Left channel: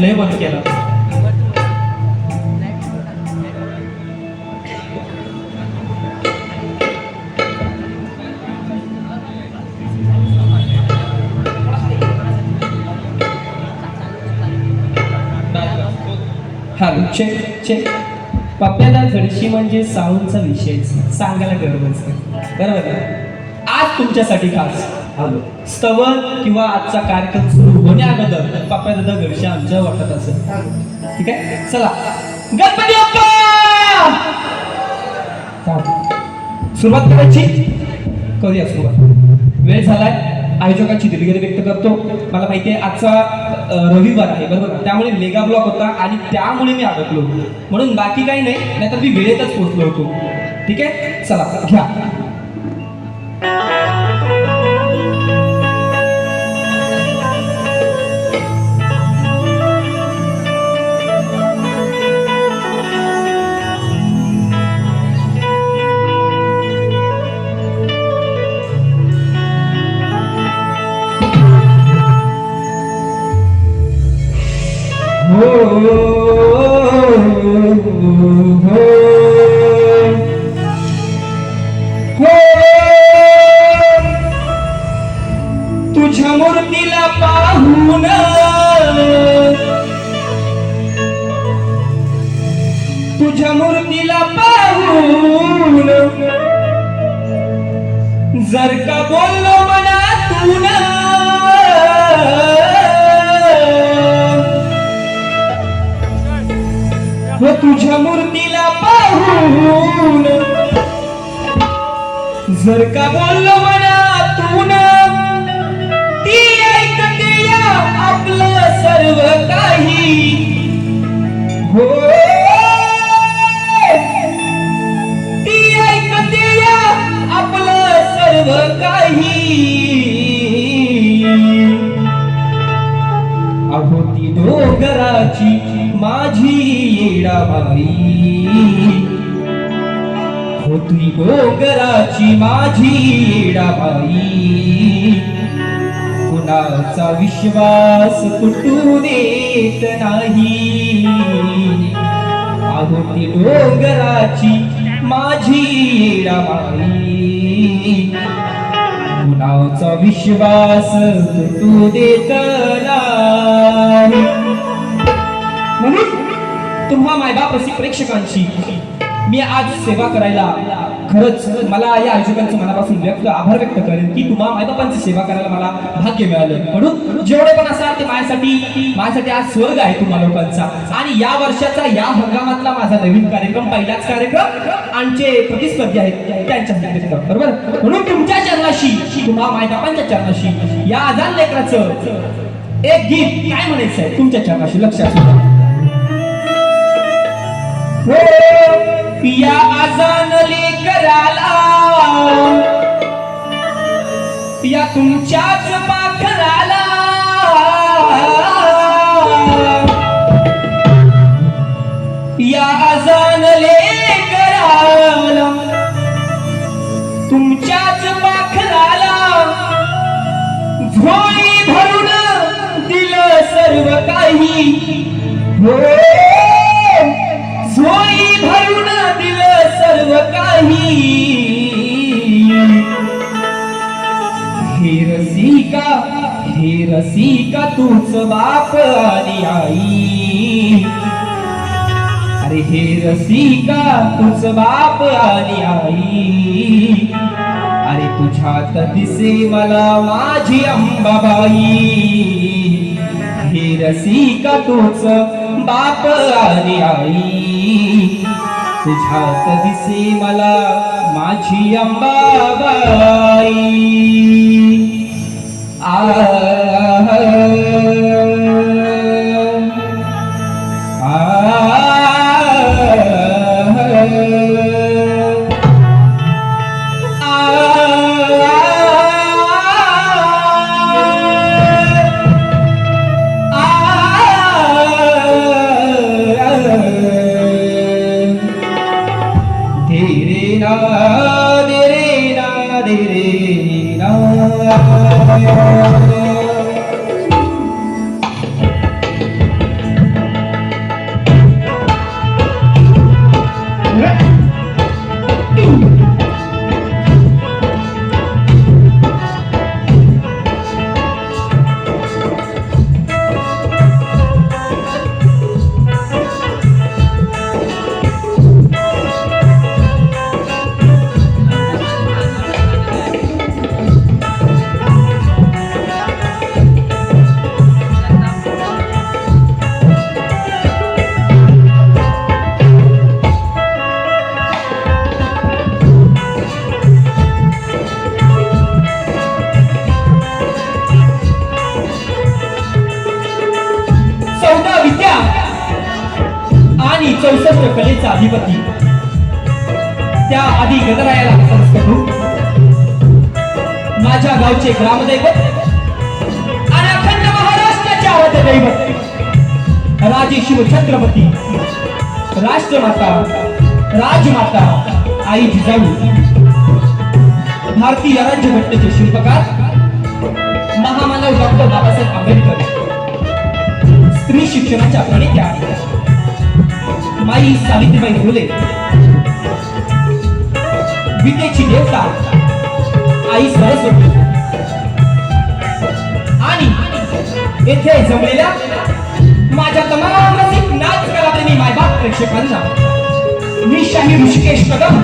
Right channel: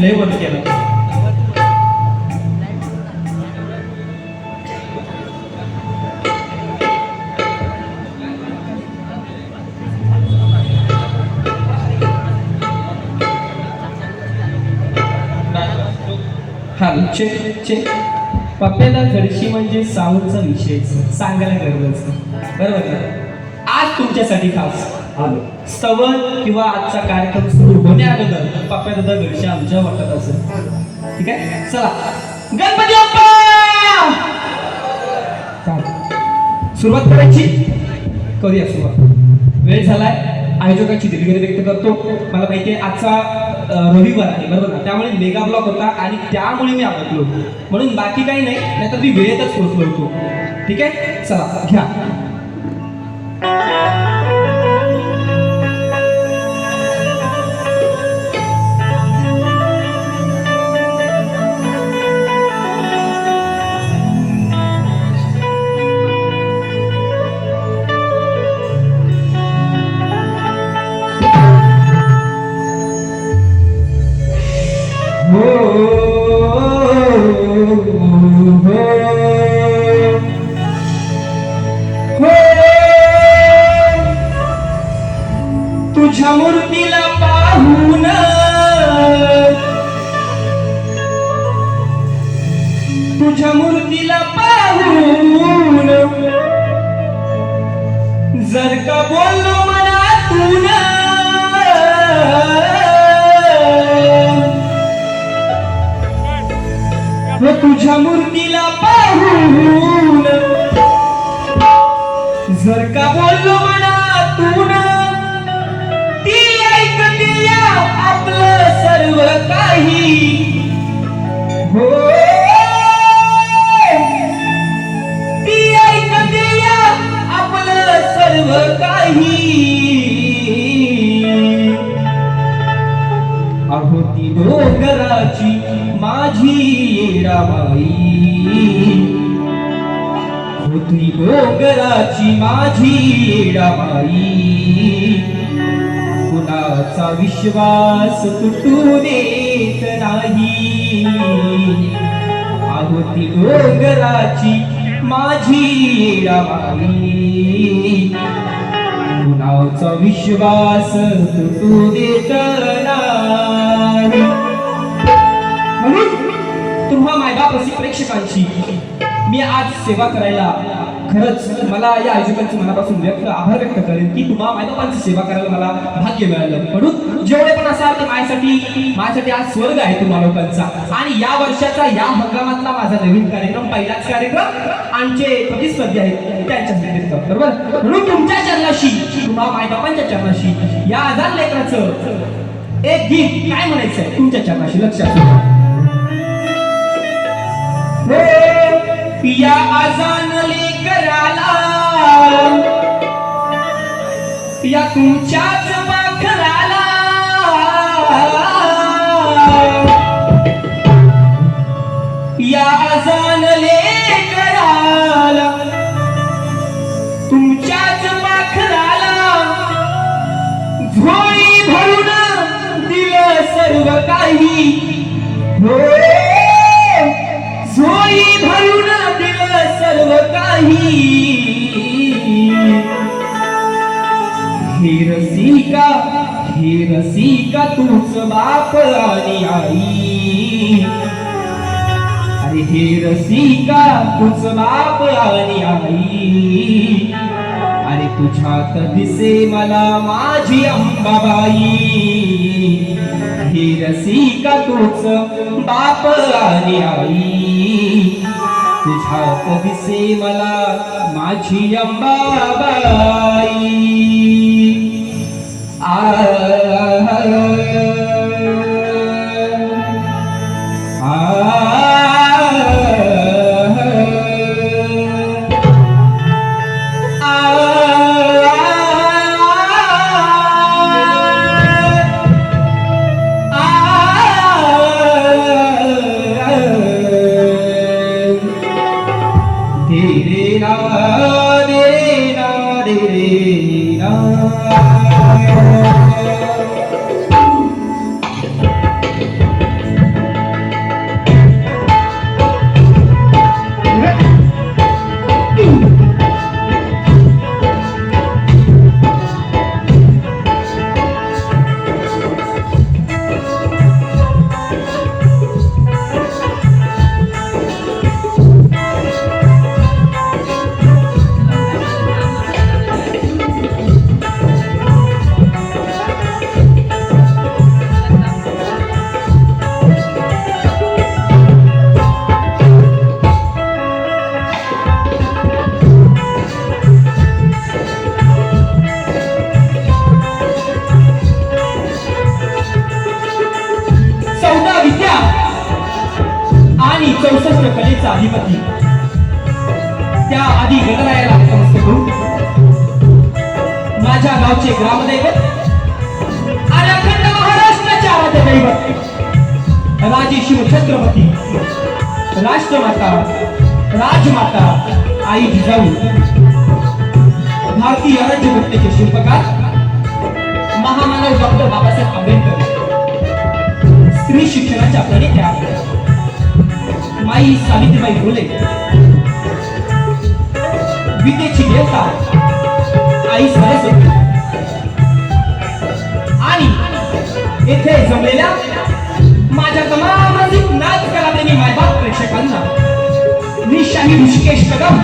लय बंद केला. हा चेक चेक. पप्प्याला घरची म्हणजे साऊंडचा विषय सांगायला गरज बरोबर ना. आज तुमच्यासाठी खास आलो. स्तवन किंवा आजचा कार्यक्रम सुरू होण्याअगोदर पप्प्या दादा घरची आमच्या वाटत असेल. ठीक आहे, चला गणपती बाप्पा सुरुवात करायची. करूया सुरुवात. वेळ झालाय. आयोजकाची दिलगिरी व्यक्त करतो. मला माहिती आहे आजचा रविवार आहे बरोबर ना, त्यामुळे मेगा ब्लॉक होता आणि त्यामुळे मी अडकलो, म्हणून बाकी काही नाही, नाहीतर मी वेळेतच पोहोचलो होतो. ठीक आहे, चला घ्या. हो तुझ्या मूर्तीला पाहून, तुझ्या मूर्तीला पाहून जर का बोललो मनातून, हो तुझ्या मूर्तीला पाहून जर का बोललो मनातून, ती ऐकते आपलं सर्व काही. हो ती ऐकते आपलं सर्व काही. अहो ती डोंगराची माझी येडाबाई, हो ती डोंगराची माझी येडाबाई. कुणाचा विश्वास तुटू देत नाही. अहो ती डोंगराची माझी येडाबाई, कुणाचा विश्वास तुटू देत नाही. म्हणून तुम्हा मायबापाची प्रेक्षकांची मी आज सेवा करायला, खरंच मला या आयोजकांचं मनापासून आभार व्यक्त करेन की तुम्हा मायबापांची सेवा करायला मला भाग्य मिळालं. म्हणून जेवढे पण असाल ते माझ्यासाठी आज स्वर्ग आहे तुम्हा लोकांचा. आणि या वर्षाचा या हंगामातला माझा नवीन कार्यक्रम, पहिलाच कार्यक्रम, आमचे प्रतिस्पर्धी आहेत त्यांच्या बरोबर. म्हणून तुमच्या चरणाशी, तुम्हा मायबापांच्या चरणाशी या आजान लेकराचं एक गीत काय म्हणायचं आहे तुमच्या चरणाशी, लक्षात ठेवा. या आजान लेकराला, या तुमच्याच पाखराला, या आजान लेकराला, तुमच्याच पाखराला झोळी भरून दिलं सर्व काही. हो झोळी भरून दिलं सर्व काही. हे रसिका तूच बाप आणि आई. अरे हे रसिका तूच बाप आणि आई. अरे तुझ्यात दिसे मला माझी अंबाबाई. हे रसिका तूच बाप आणि आई. तुझ्यात दिसे मला माझी अंबाबाई. 64 कलेचा अधिपती त्या आधी गणरायाला नमस्कार करू. माझ्या गावचे ग्रामदैवत आणि अखंड महाराष्ट्राचे आराध्य दैवत राजे शिव छत्रपती राष्ट्रमाता राजमाता आई जिजाऊ भारतीय राज्यघटनेचे शिल्पकार महामानव डॉक्टर बाबासाहेब आंबेडकर स्त्री शिक्षणाच्या प्रणेत्या माई सावित्रीबाई फुले विद्येची देवता आई सरस्वती आणि येथे जमलेल्या माझ्या तमाम रसिक नाच कलाप्रेमी मायबाप प्रेक्षकांना मी शाही ऋषिकेश कदम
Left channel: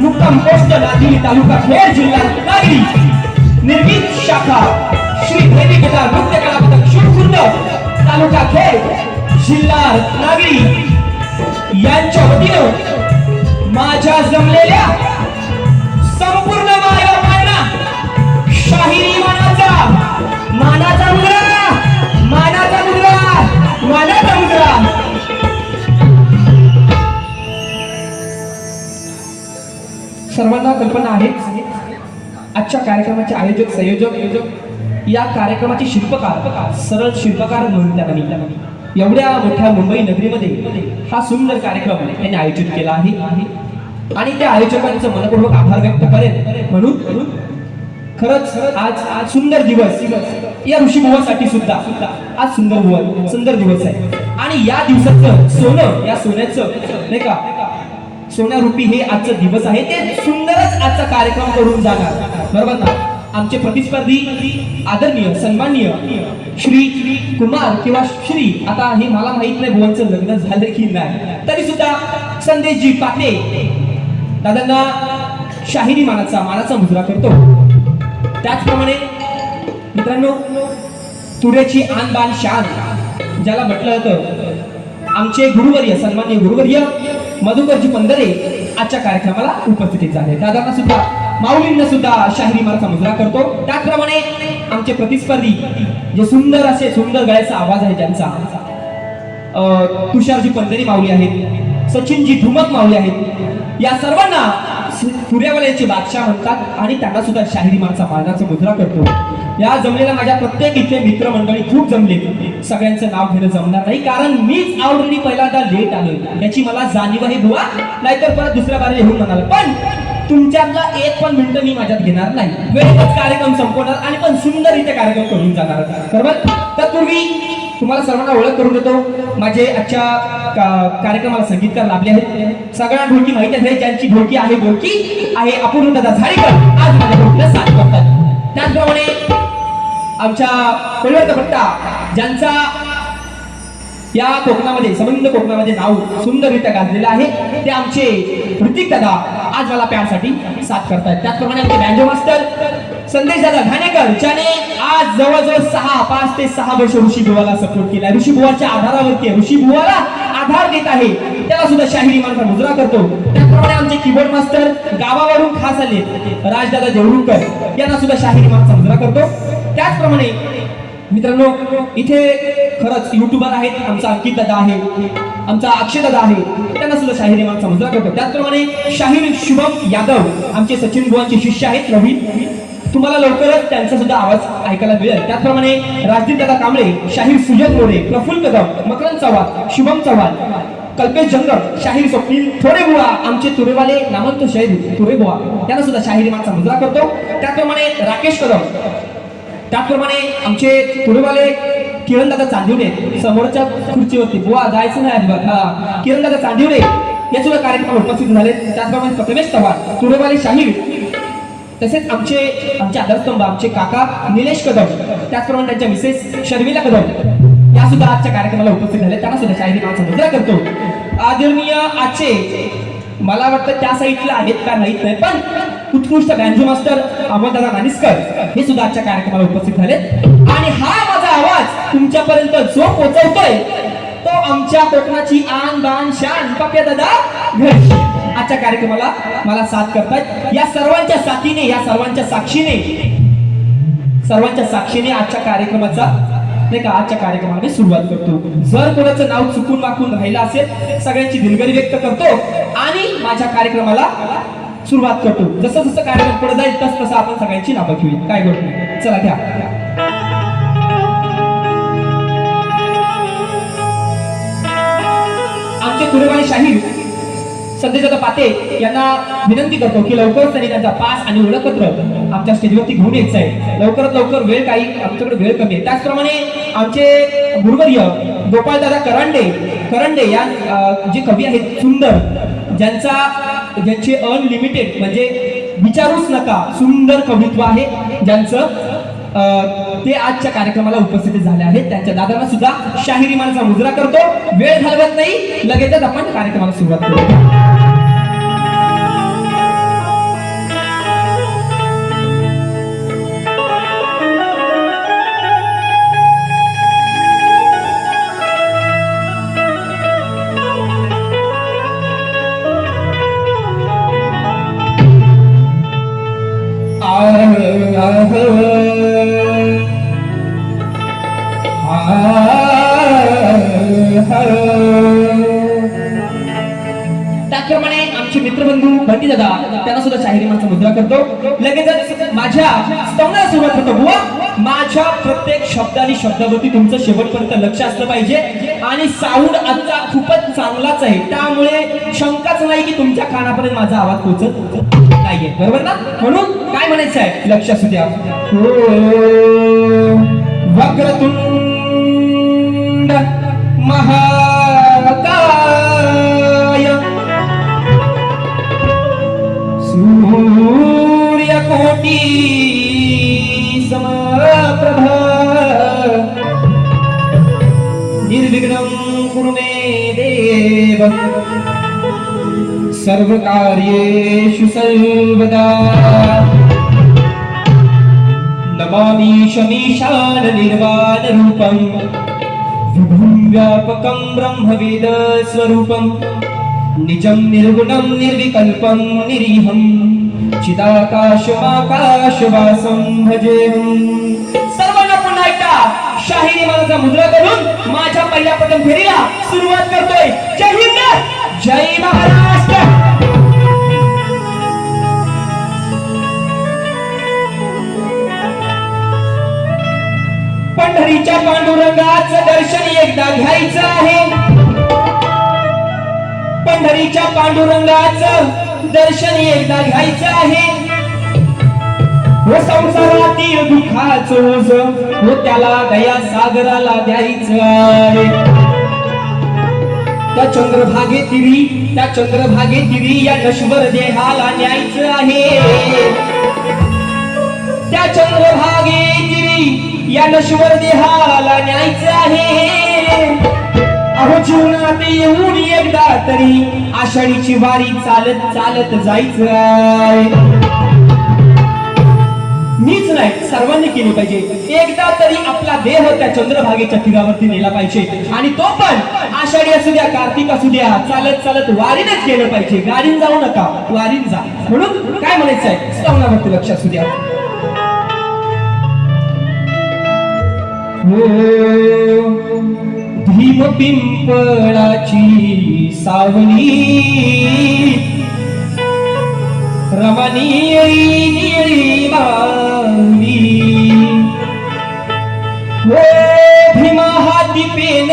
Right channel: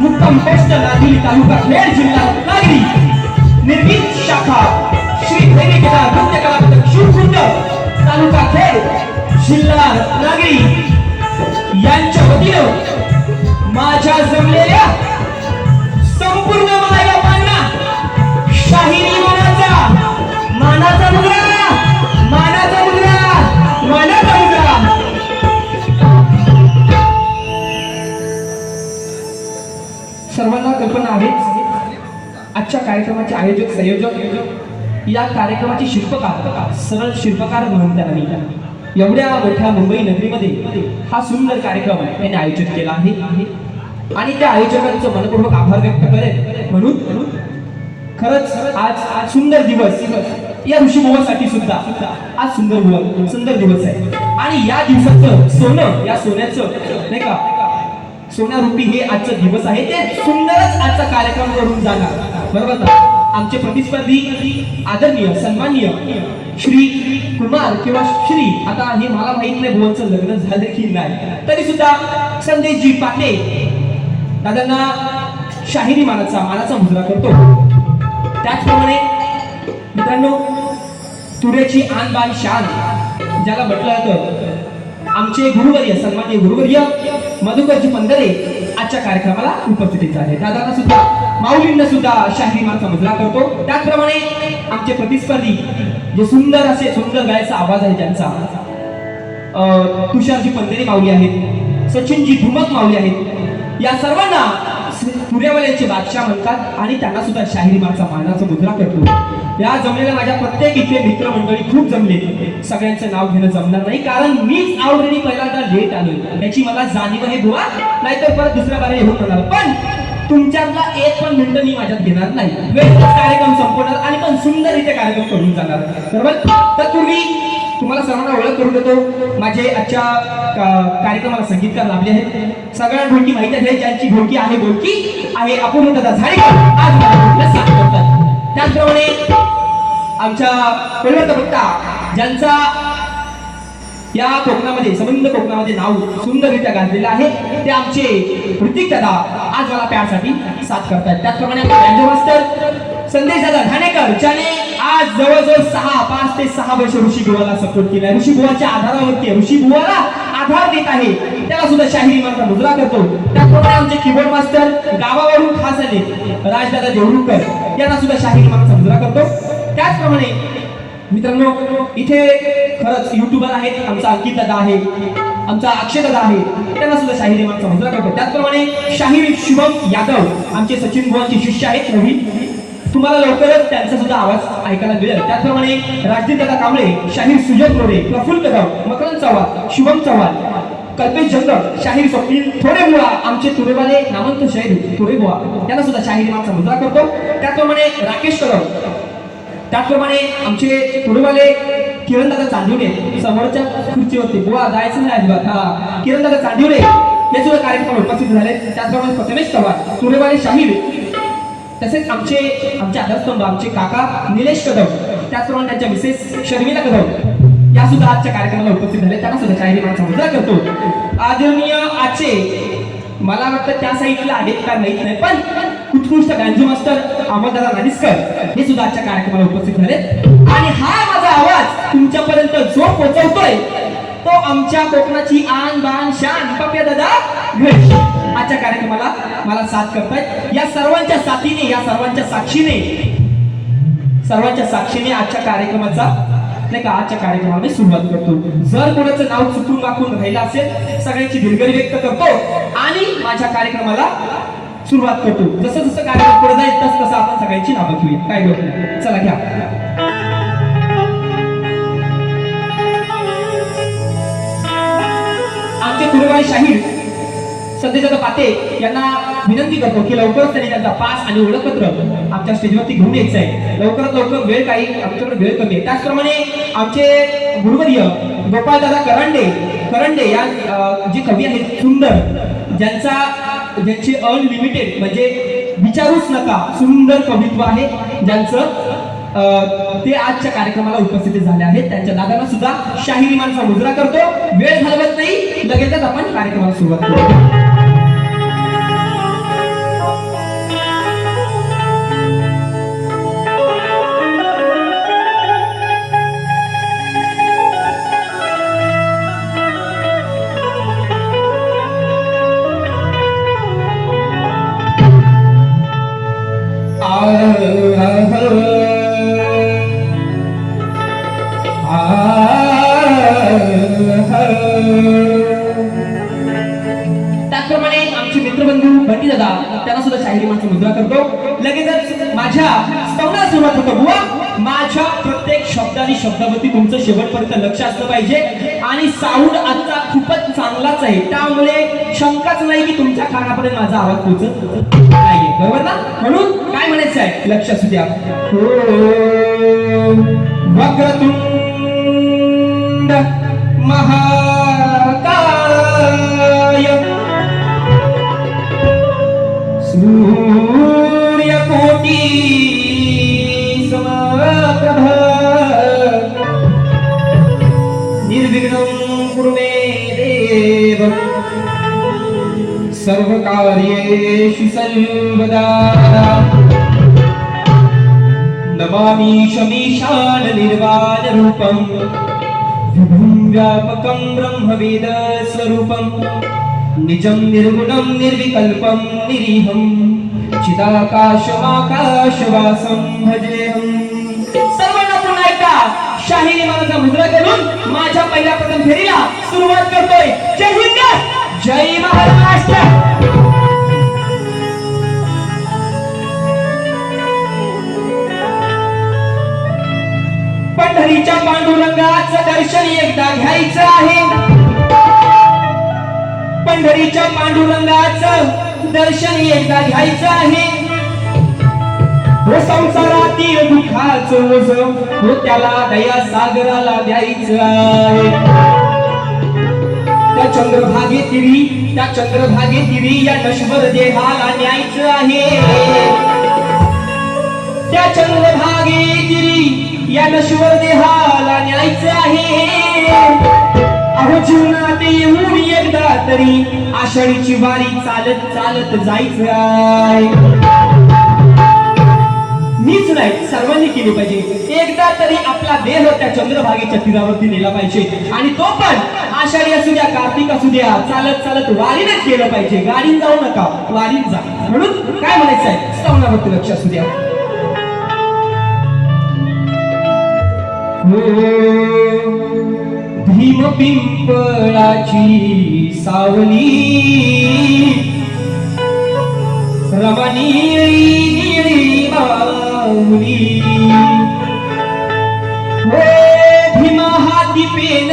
मुक्काम पोस्ट लाजुली तालुका खेड जिल्हा रत्नागिरी निर्मित शाखा श्री देवी कला नृत्य कला पथक शिवखुर्द तालुका खेड जिल्हा रत्नागिरी यांच्या वतीनं माझ्या जमलेल्या संपूर्ण मायबापांना शाहिरी मानाचा मुद्रा सर्वांना कल्पना आहेच आजच्या कार्यक्रमाचे आयोजक संयोजक या कार्यक्रमाचे शिल्पकार सरळ शिल्पकार म्हणून त्यांना एवढ्या मोठ्या मुंबई नगरीमध्ये हा सुंदर कार्यक्रम त्यांनी आयोजित केला आहे आणि त्या आयोजकांचं मनपूर्वक आभार व्यक्त करेन म्हणून खरंच आज सुंदर दिवस या ऋषीमुवासाठी सुद्धा आज सुंदर दिवस आहे आणि या दिवसाचं सोनं या सोन्याचं नाही का सोन्यारूपी हे आजचा दिवस आहे ते सुंदरच आजचा कार्यक्रम करून जाणार बरोबर ना. आमचे प्रतिस्पर्धी आदरणीय सन्माननीय श्री कुमार किंवा श्री आता हे मला माहित नाही बोलचं लग्न झालं की नाही तरी सुद्धा संदेशजी पाटे दादांना शाहिरी मानाचा मुजरा करतो. त्याचप्रमाणे मित्रांनो तुऱ्याची आन बान शान ज्याला म्हटलं जातं आमचे गुरुवर्य सन्माननीय गुरुवर्य मधुकरजी पंधरे आजच्या कार्यक्रमाला उपस्थित झाले. दादांना सुद्धा माऊलींना सुद्धा शाहिरी मानाचा मुजरा करतो. त्याचप्रमाणे आमचे प्रतिस्पर्धी जे सुंदर गायचा आवाज आहे त्यांचा तुषारजी पंधरे माऊली आहेत सचिनजी धुमक माऊली आहेत या सर्वांना पुऱ्यावाल्याचे बादशाह म्हणतात आणि त्यांना सुद्धा शाहिरी मानाचा मुजरा करतो. या जमलेल्या माझ्या प्रत्येक इथे मित्रमंडळी खूप जमले सगळ्यांचं नाव घेणं जमणार नाही कारण मीच ऑलरेडी पहिल्यांदा लेट आलो याची मला जाणीव आहे बुवा नाहीतर परत दुसऱ्या बारे येऊन म्हणाल पण तुमच्यातला एक पण मिनिट मी माझ्यात घेणार नाही वेळेतच कार्यक्रम संपवणार आणि पण सुंदर इथे कार्यक्रम करून जाणार बरोबर. तत्पूर्वी तुम्हाला सर्वांना ओळख करून देतो माझे आजच्या कार्यक्रमाला संगीतकार लाभले आहेत सगळ्या ढोलकी माहिती आहे ज्यांची ढोलकी आहे अपूर्ण दादा झाडेकर आज माझ्या ढोलकीला साथ करतात. त्याचप्रमाणे आमच्या परिवर्तकर्ता ज्यांचा या कोकणामध्ये संबंध कोकणामध्ये नाव सुंदररित्या गाजलेलं आहे ते आमचे ऋतिक दादा आज मला प्यारसाठी साथ करतायत. त्याचप्रमाणे आमचे बँजो मास्टर संदेश दादा ठाणेकर ज्याने आज जवळजवळ 5 ते 6 वर्ष ऋषी बुवाला सपोर्ट केला ऋषी बुवाच्या आधारावरती ऋषी बुवाला आधार देत आहे त्याला सुद्धा शाहिरी मानाचा मुजरा करतो. त्याचप्रमाणे आमचे कीबोर्ड मास्टर गावावरून खास आले राजदादा देवरुणकर यांना सुद्धा शाहिरी मानाचा मुजरा करतो. त्याचप्रमाणे मित्रांनो इथे खरंच युट्यूबर आहेत आमचा अंकित दादा आहे आमचा अक्षय दादा आहे त्यांना सुद्धा शाहिरी मानाचा मुजरा करतो. त्याचप्रमाणे शाहीर शुभम यादव आमचे सचिन बुवांचे शिष्य आहेत नवीन तुम्हाला लवकरच त्यांचा सुद्धा आवाज ऐकायला मिळेल. त्याचप्रमाणे राजदीप दादा कांबळे शाहीर सुजय रोडे प्रफुल्ल कदम मकरंद चव्हाण शुभम चव्हाण कल्पेश जंगल शाहीर स्वप्नील थोडे बुवा आमचे तुरेवाले नामवंत शाहीर तुरे बुवा त्यांना सुद्धा शाहिरी मानाचा मुजरा करतो. त्याचप्रमाणे राकेश कदम त्याचप्रमाणे आमचे पुढेवाले किरणदादा चांदिवले समोरच्या खुर्चीवरती बुवा जायचं नाही अजिबात किरणदादा चांदिवले हे सुद्धा कार्यक्रम उपस्थित झाले. त्याचप्रमाणे प्रथमेश चव्हाण पुढेवाले शाहीर तसेच आमचे आधारस्तंभ आमचे काका निलेश कदम त्याचप्रमाणे त्यांच्या मिसेस शर्मिला कदम या सुद्धा आजच्या कार्यक्रमाला उपस्थित झाले त्यांना सुद्धा शाहिरी मानाचा मुजरा करतो. आदरणीय आजचे मला वाटतं त्या साईडला आहेत का माहित नाही पण उत्कृष्ट बँजो मास्टर अमरदादा नानिस्कर हे सुद्धा आजच्या कार्यक्रमाला उपस्थित झाले आणि हा माझा आवाज तुमच्यापर्यंत जो पोहोचवतोय तो आमच्या कोकणाची आन बान शान पप्या दादा घोष आजच्या कार्यक्रमाला मला साथ करतायत. या सर्वांच्या साथीने या सर्वांच्या साक्षीने आजच्या कार्यक्रमाचा नाही का आजच्या कार्यक्रमाला मी सुरुवात करतो. जर कोणाचं नाव चुकून वाकून राहिलं असेल सगळ्यांची दिलगिरी व्यक्त करतो आणि माझ्या कार्यक्रमाला सुरुवात करतो. जसं जसं कार्यक्रम पुढे जाईल तसं तसं आपण सगळ्यांची नावं घेऊया. काय गोष्ट नाही. चला घ्या. आमचे कुरुबाई शाहीर संदेशदादा पाते यांना विनंती करतो की लवकरच त्यांनी त्यांचा पास आणि ओळखपत्र आमच्या स्टेजवरती घेऊन यायचं आहे. लवकरात लवकर वेळ काही आमच्याकडे वेळ कमी आहे. त्याचप्रमाणे आमचे गुरुवर्य गोपाळदादा करंडे या जे कवी आहेत सुंदर ज्यांचे अनलिमिटेड म्हणजे विचारूच नका सुंदर कवित्व आहे ज्यांचं ते आजच्या कार्यक्रमाला उपस्थित झाले आहेत. त्यांच्या दादांना सुद्धा शाहिरी मानचा मुजरा करतो. वेळ घालवत नाही लगेचच आपण कार्यक्रमाला सुरुवात करू. त्याचप्रमाणे आमचे मित्रबंधू बंटी दादा त्यांना सुद्धा शाहिरी मानचा मुद्रा करतो. लगेचच माझ्या स्तवनाला सुरुवात होतो. बुवा माझ्या प्रत्येक शब्दानी शब्दावरती तुमचं शेवटपर्यंत लक्ष असलं पाहिजे आणि साऊंड आजचा खूपच चांगलाच आहे. त्यामुळे शंकाच नाही की तुमच्या कानापर्यंत माझा आवाज पोहोचत नाहीये. बरोबर ना. म्हणून काय म्हणायचं आहे लक्ष असू द्या. वक्रतुंड महाकाय सूर्यकोटी समप्रभ निर्विघ्नं कुरु मे देव सर्वकार्येषु सर्वदा. नमामि शमीशान निर्वाण रूपं विभुं व्यापकं ब्रह्मवेद स्वरूपं निजं निर्गुणं निर्विकल्पं निरीहं चिदाकाशमाकाशवासं भजेहं. सर्वांना पुन्हा एकदा शाहिरी मानचा मुद्रा करून माझ्या पहिल्या प्रथम फेरीला सुरुवात करतोय. जय हिंद जय महाराष्ट्र. पंढरीच्या पांडुरंगाचं दर्शन एकदा घ्यायचं आहे. पंढरीच्या पांडुरंगाचं दर्शन एकदा घ्यायचं आहे. हो संसारातील दुःखाचं ओझ हो त्याला दया सागराला द्यायचं आहे. त्या चंद्रभागेतिरी या नश्वर देहाला न्यायचं आहे. त्या चंद्रभागेतिरी या नश्वर देहाला न्यायचं आहे. अहो जीवनात येऊन एकदा तरी आषाढीची वारी चालत चालत जायचं आहे. मीच नाही सर्वांनी केली पाहिजे. एकदा तरी आपला देह त्या चंद्रभागेच्या तीरावरती नेला पाहिजे आणि तो पण आषाढी असू द्या कार्तिक असू द्या चालत चालत वारीनेच गेलं पाहिजे. गाडीन जाऊ नका वारीन जा. म्हणून काय म्हणायचं आहे श्रवणावरती लक्ष असू द्या. भीम पिंपळाची सावली रमणीयरी माऊली. हो भीमा हाती पेन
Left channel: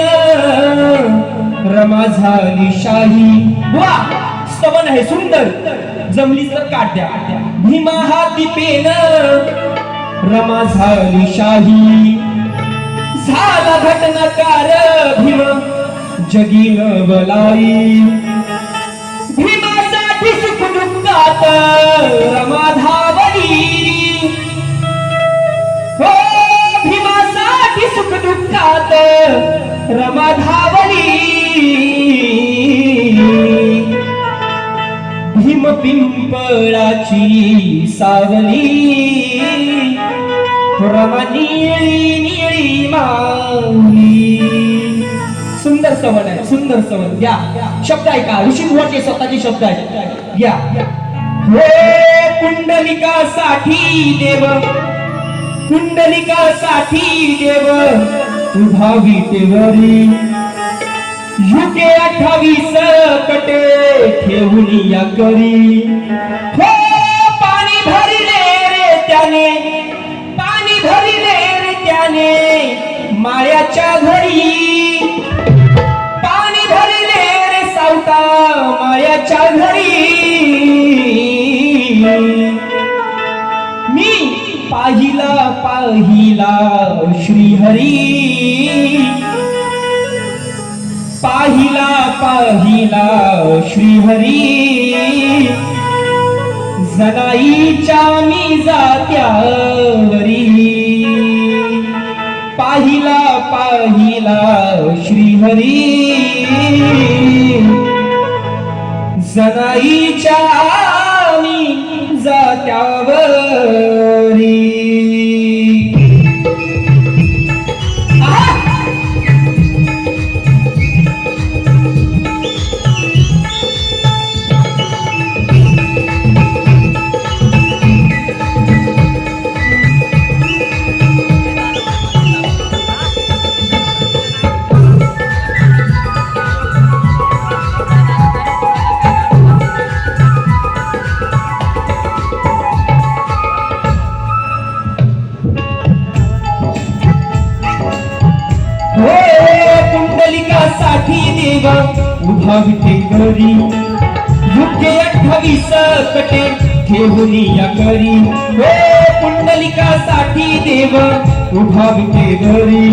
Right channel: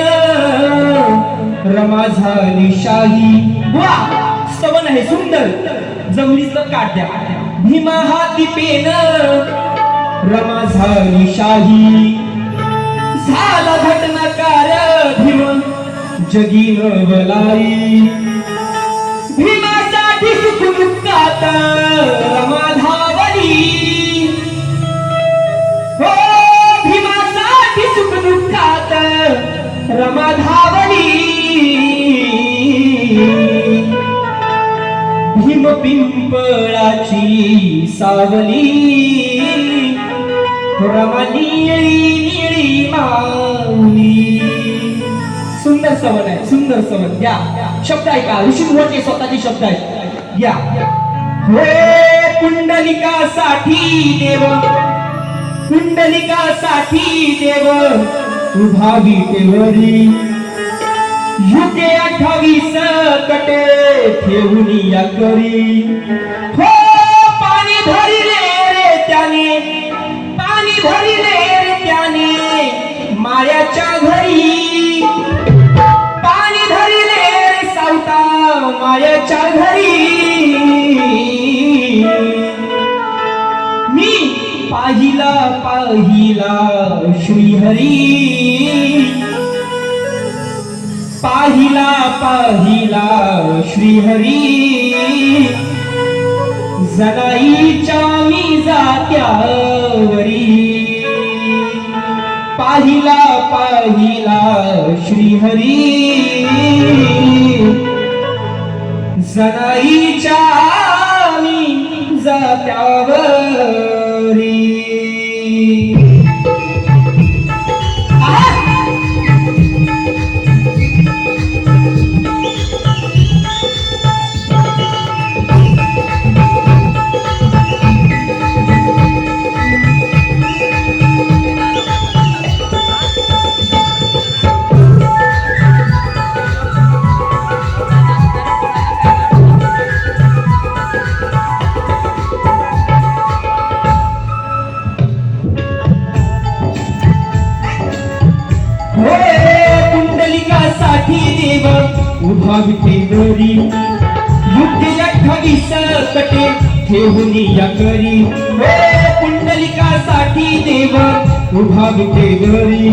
रमा झाली शाही. वा स्तवन आहे सुंदर जमलीच तर काढ द्या. भीमा हाती पेन रमा झाली शाही. झाला घटनाकार भीम जगीन बलाई. भीमासाठी सुखदुःखात रमा धावली. हो भीमासाठी सुखदुःखात रमा धावली. भीम पिंपळाची सावली रमणीयरी माऊली. सुंदर सवन आहे सुंदर सवन. घ्या शब्द ऐका. ऋषी मुहाचे स्वतःचे शब्द आहेत. घ्या. हो पुंडलिकासाठी देव पुंडलिकासाठी देव उभा विटेवरी युगे 28 कटे ठेवून या करी हो पाणी भरिले रे त्याने पाणी भरिले रे त्याने माळ्याच्या घरी पाणी धरिले रे सावता माळ्याच्या घरी मी पाहिला पाहिला श्रीहरी पाहिला पाहिला श्रीहरी जनाईच्या मी जात्यावरी पाहिला पाहिला श्रीहरी जनाईच्या मी जात्यावरी उभा विटेवरी युगे 28 कटे ठेवून या करी हो पुंडलिकासाठी देव उभा विटेवरी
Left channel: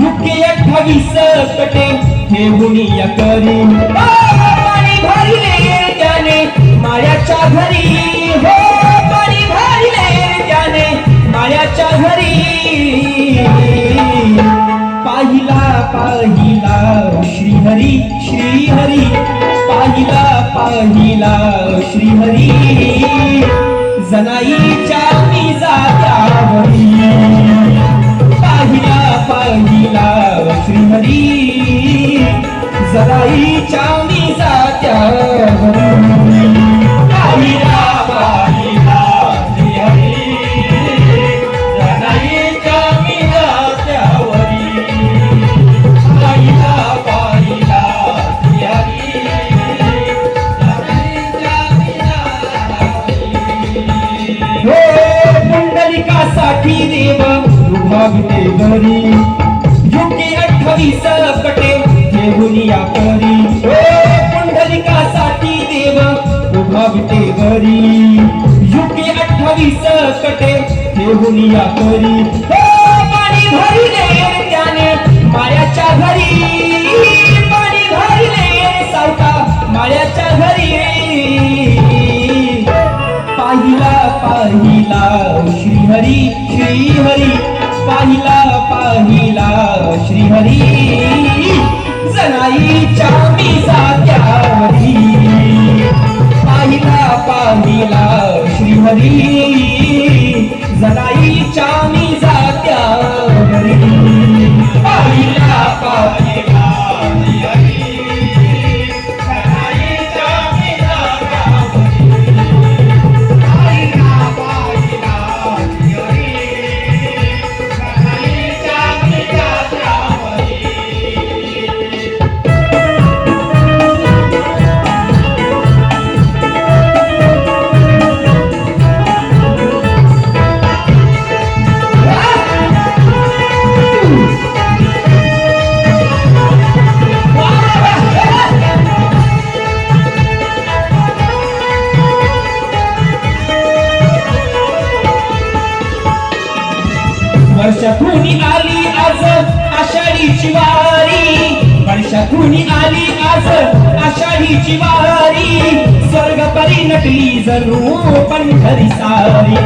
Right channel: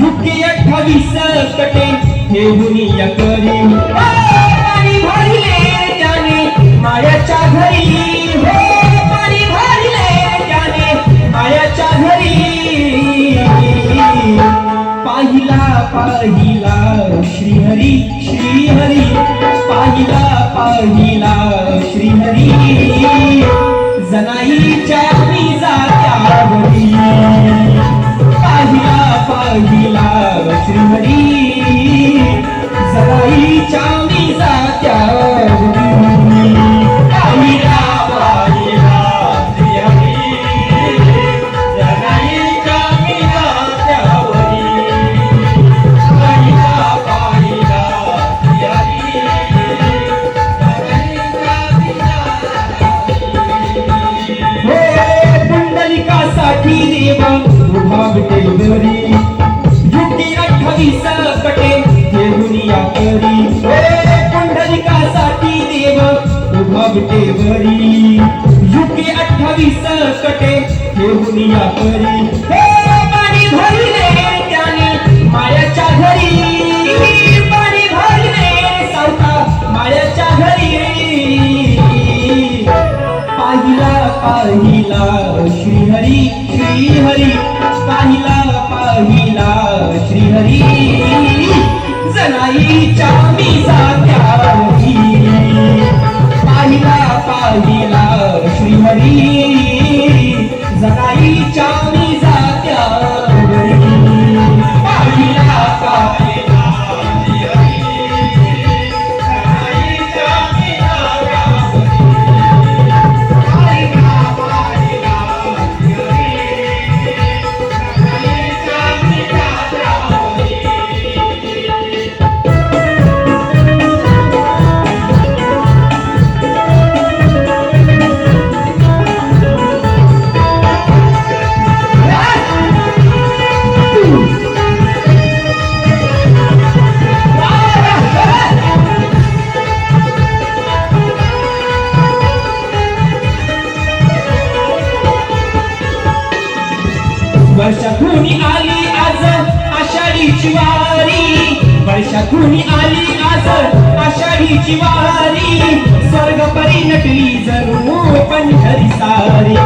युगे 28 कटे ठेवून या करी पाणी भरले त्याने माळ्याच्या घरी हो पाणी भरले त्याने माळ्याच्या घरी पाहिला पाहिला श्रीहरी श्रीहरी पाहिला पाहिला श्रीहरी जनाईच्या मी जात्यावरी पाहिला पाहिला श्रीहरी जनाईच्या मी जात्यावरी पाहिला पाहिला श्रीहरी जनाईच्या मी जात्यावरी पुंडलिकासाठी देव उभा विटेवरी युगे 28 कटे ठेवून या करी हो पुंडलिकासाठी देव उभा विटेवरी युगे 28 कटे ठेवून या करी हो पाणी भरले त्याने माळ्याच्या घरी पाणी भरले सावता माळ्याच्या घरी पाहिला पाहिला श्रीहरी श्रीहरी पाहिला पाहिला श्रीहरी जनाईच्या मी जात्यावरी पाहिला पाहिला श्रीहरी जनाईच्या मी जात्यावरी पाहिला पाहिला वर्षातून आली आज आषाढीची वारी वर्षातून आली आज आषाढीची वारी स्वर्ग परी नटली जणू पंढरी सारी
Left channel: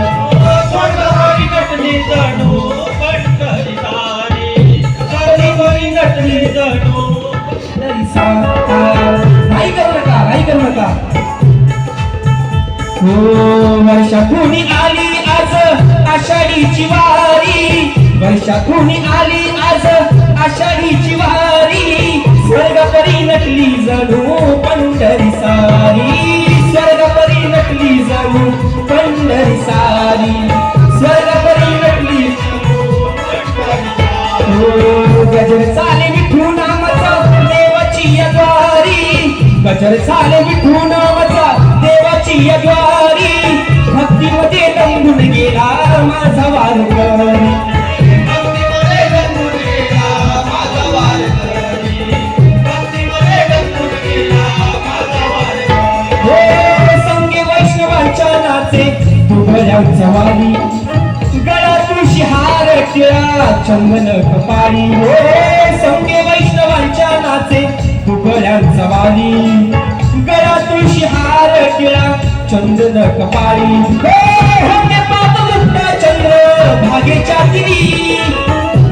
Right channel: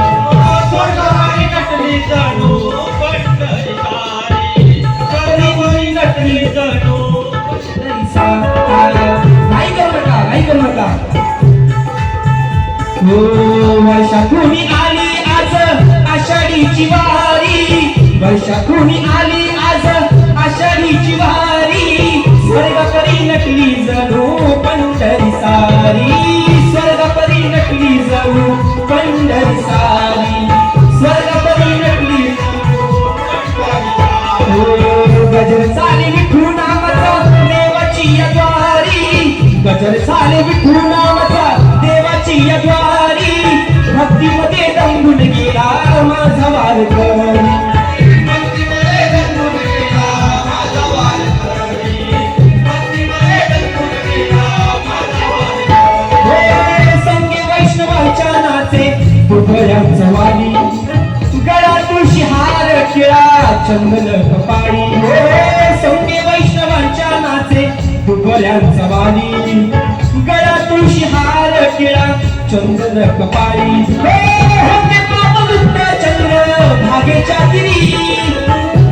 स्वर्ग परी नटली जणू पंढरी सारी स्वर्ग परी नटली जणू पंढरी सारी नाही करू नका हो वर्षातून आली आज आषाढीची वारी वर्षातून आली आज आषाढीची वारी स्वर्गपरी नटली जणू पंढरी सारी स्वर्गपरी नटली जणू पंढरी सारी स्वर्गपरी नटली जणू पंढरी सारी वाली गळा तुळशी हार टिळा चंदन कपाळी सौम्य वैष्णवांच्या नाचे दुबळ्यांचा वाली गळा तुळशी हार टिळा चंदन कपाळी होते पात मुक्त चंद्र भागेच्या तिरी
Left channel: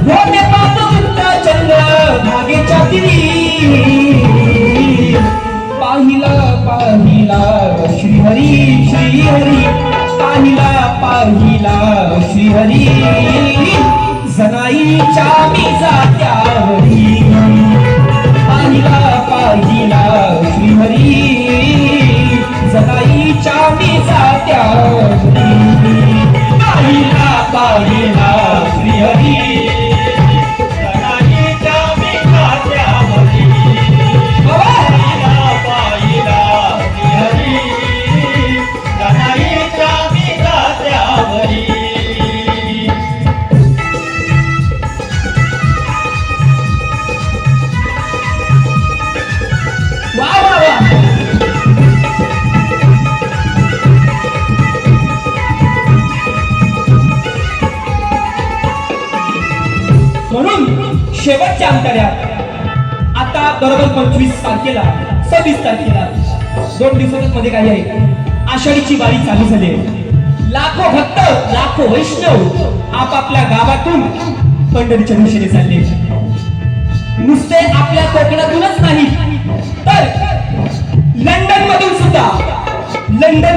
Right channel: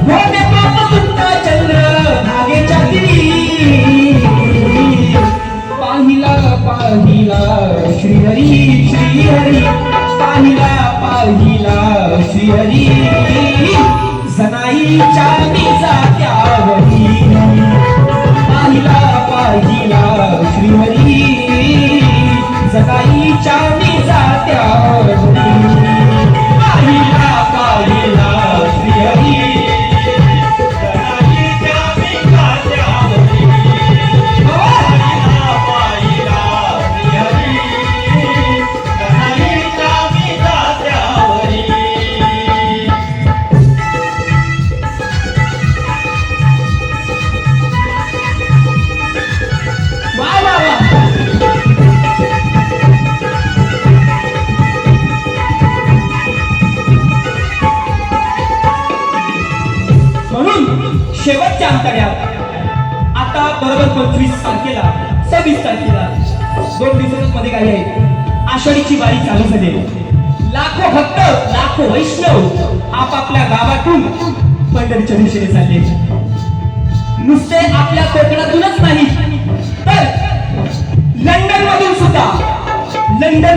होते पात मुक्त चंद्र भागेच्या तिरी पाहिला पाहिला श्रीहरी श्रीहरी पाहिला पाहिला श्रीहरी जनाईच्या मी जात्यावरी पाहिला पाहिला श्रीहरी जनाईच्या मी जात्यावरी पाहिला पाहिला श्रीहरी शेवटच्या अंतर्यात आता बरोबर 25 तारखेला 26 तारखेला 2 दिवसांमध्ये काही आहे आषाढीची वारी चालू झाली लाखो भक्त लाखो वैष्णव आपापल्या गावातून पंढरीच्या दिशेने चालले नुसते आपल्या कोकणातूनच नाही तर लंडन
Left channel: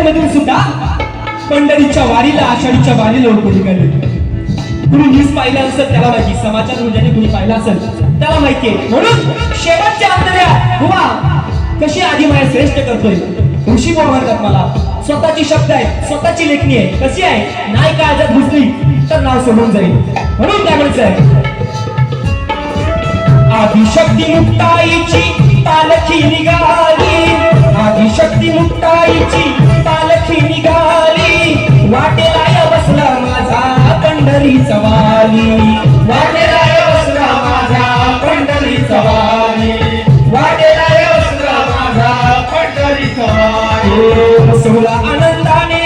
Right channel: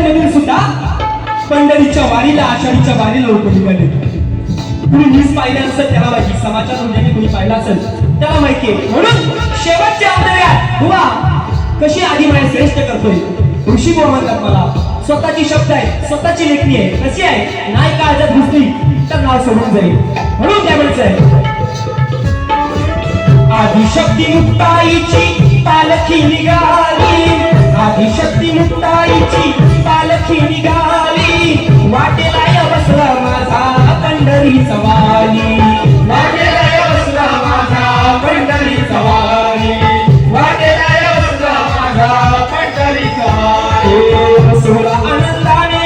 मधून सुद्धा पंढरीच्या वारीला आषाढीच्या वारीला लोक निघाले तुम्ही न्यूज पाहिलं असेल त्याला माहिती समाचार ज्यांनी तुम्ही पाहिला असेल त्याला माहिती म्हणून शेवटच्या अंतर्यात हुआ कशी आधी माय श्रेष्ठ करतोय ऋषी म्हणतात मला स्वतःची शब्द आहे स्वतःची लेखणी आहे कशी आहे नाही काळजात घुसली तर नाव सोडून जाईल म्हणून काय म्हणायचंय आदिशक्ती मुक्ताईची पालखी निघाली आदिशक्ती मुक्ताईची पालखी निघाली वाटेला बसला माझा पंढरीचा वाली वाटेला बसला माझा पंढरीचा वाली वाटेला बसला माझा पंढरीचा वाली सोहळा आनंदाने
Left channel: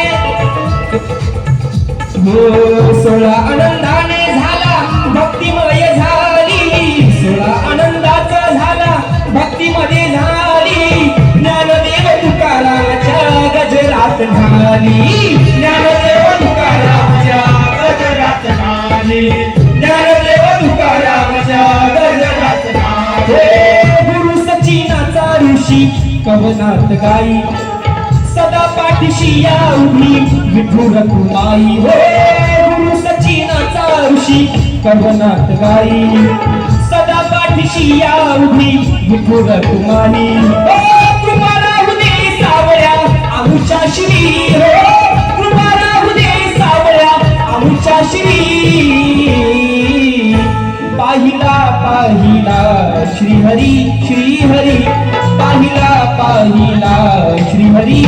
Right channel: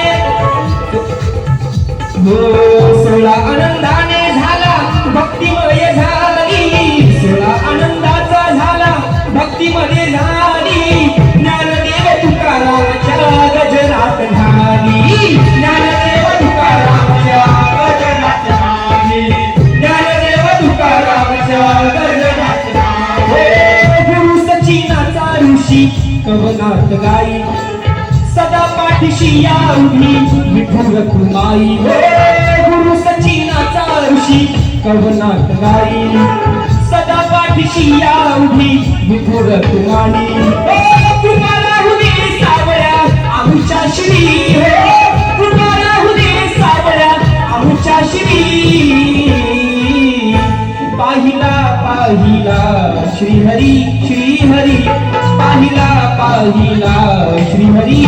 सोहळा आनंदाने झाला भक्तिमय झाली सोहळा आनंदाचा झाला भक्तिमध्ये झाली ज्ञानदेव तुकारामाच्या गजरात झाली ज्ञानदेव तुकारामाच्या गजरात झाली ज्ञानदेव तुकारामाच्या गजरात झाली गुरु सचिनाचा ऋषी कवनात गाई सदा पाठीशी या उभी विठुर कुमाई गुरु सचिनाचा ऋषी कवनात गाई सदा पाठीशी या उभी विठुर कुमाई तुम्हाला हुदे सावळ्या आमच्या श्री तुम्हाला हुदे सावळ्या आमच्या श्री पाहिला पाहिला श्रीहरी श्रीहरी पाहिला पाहिला श्रीहरी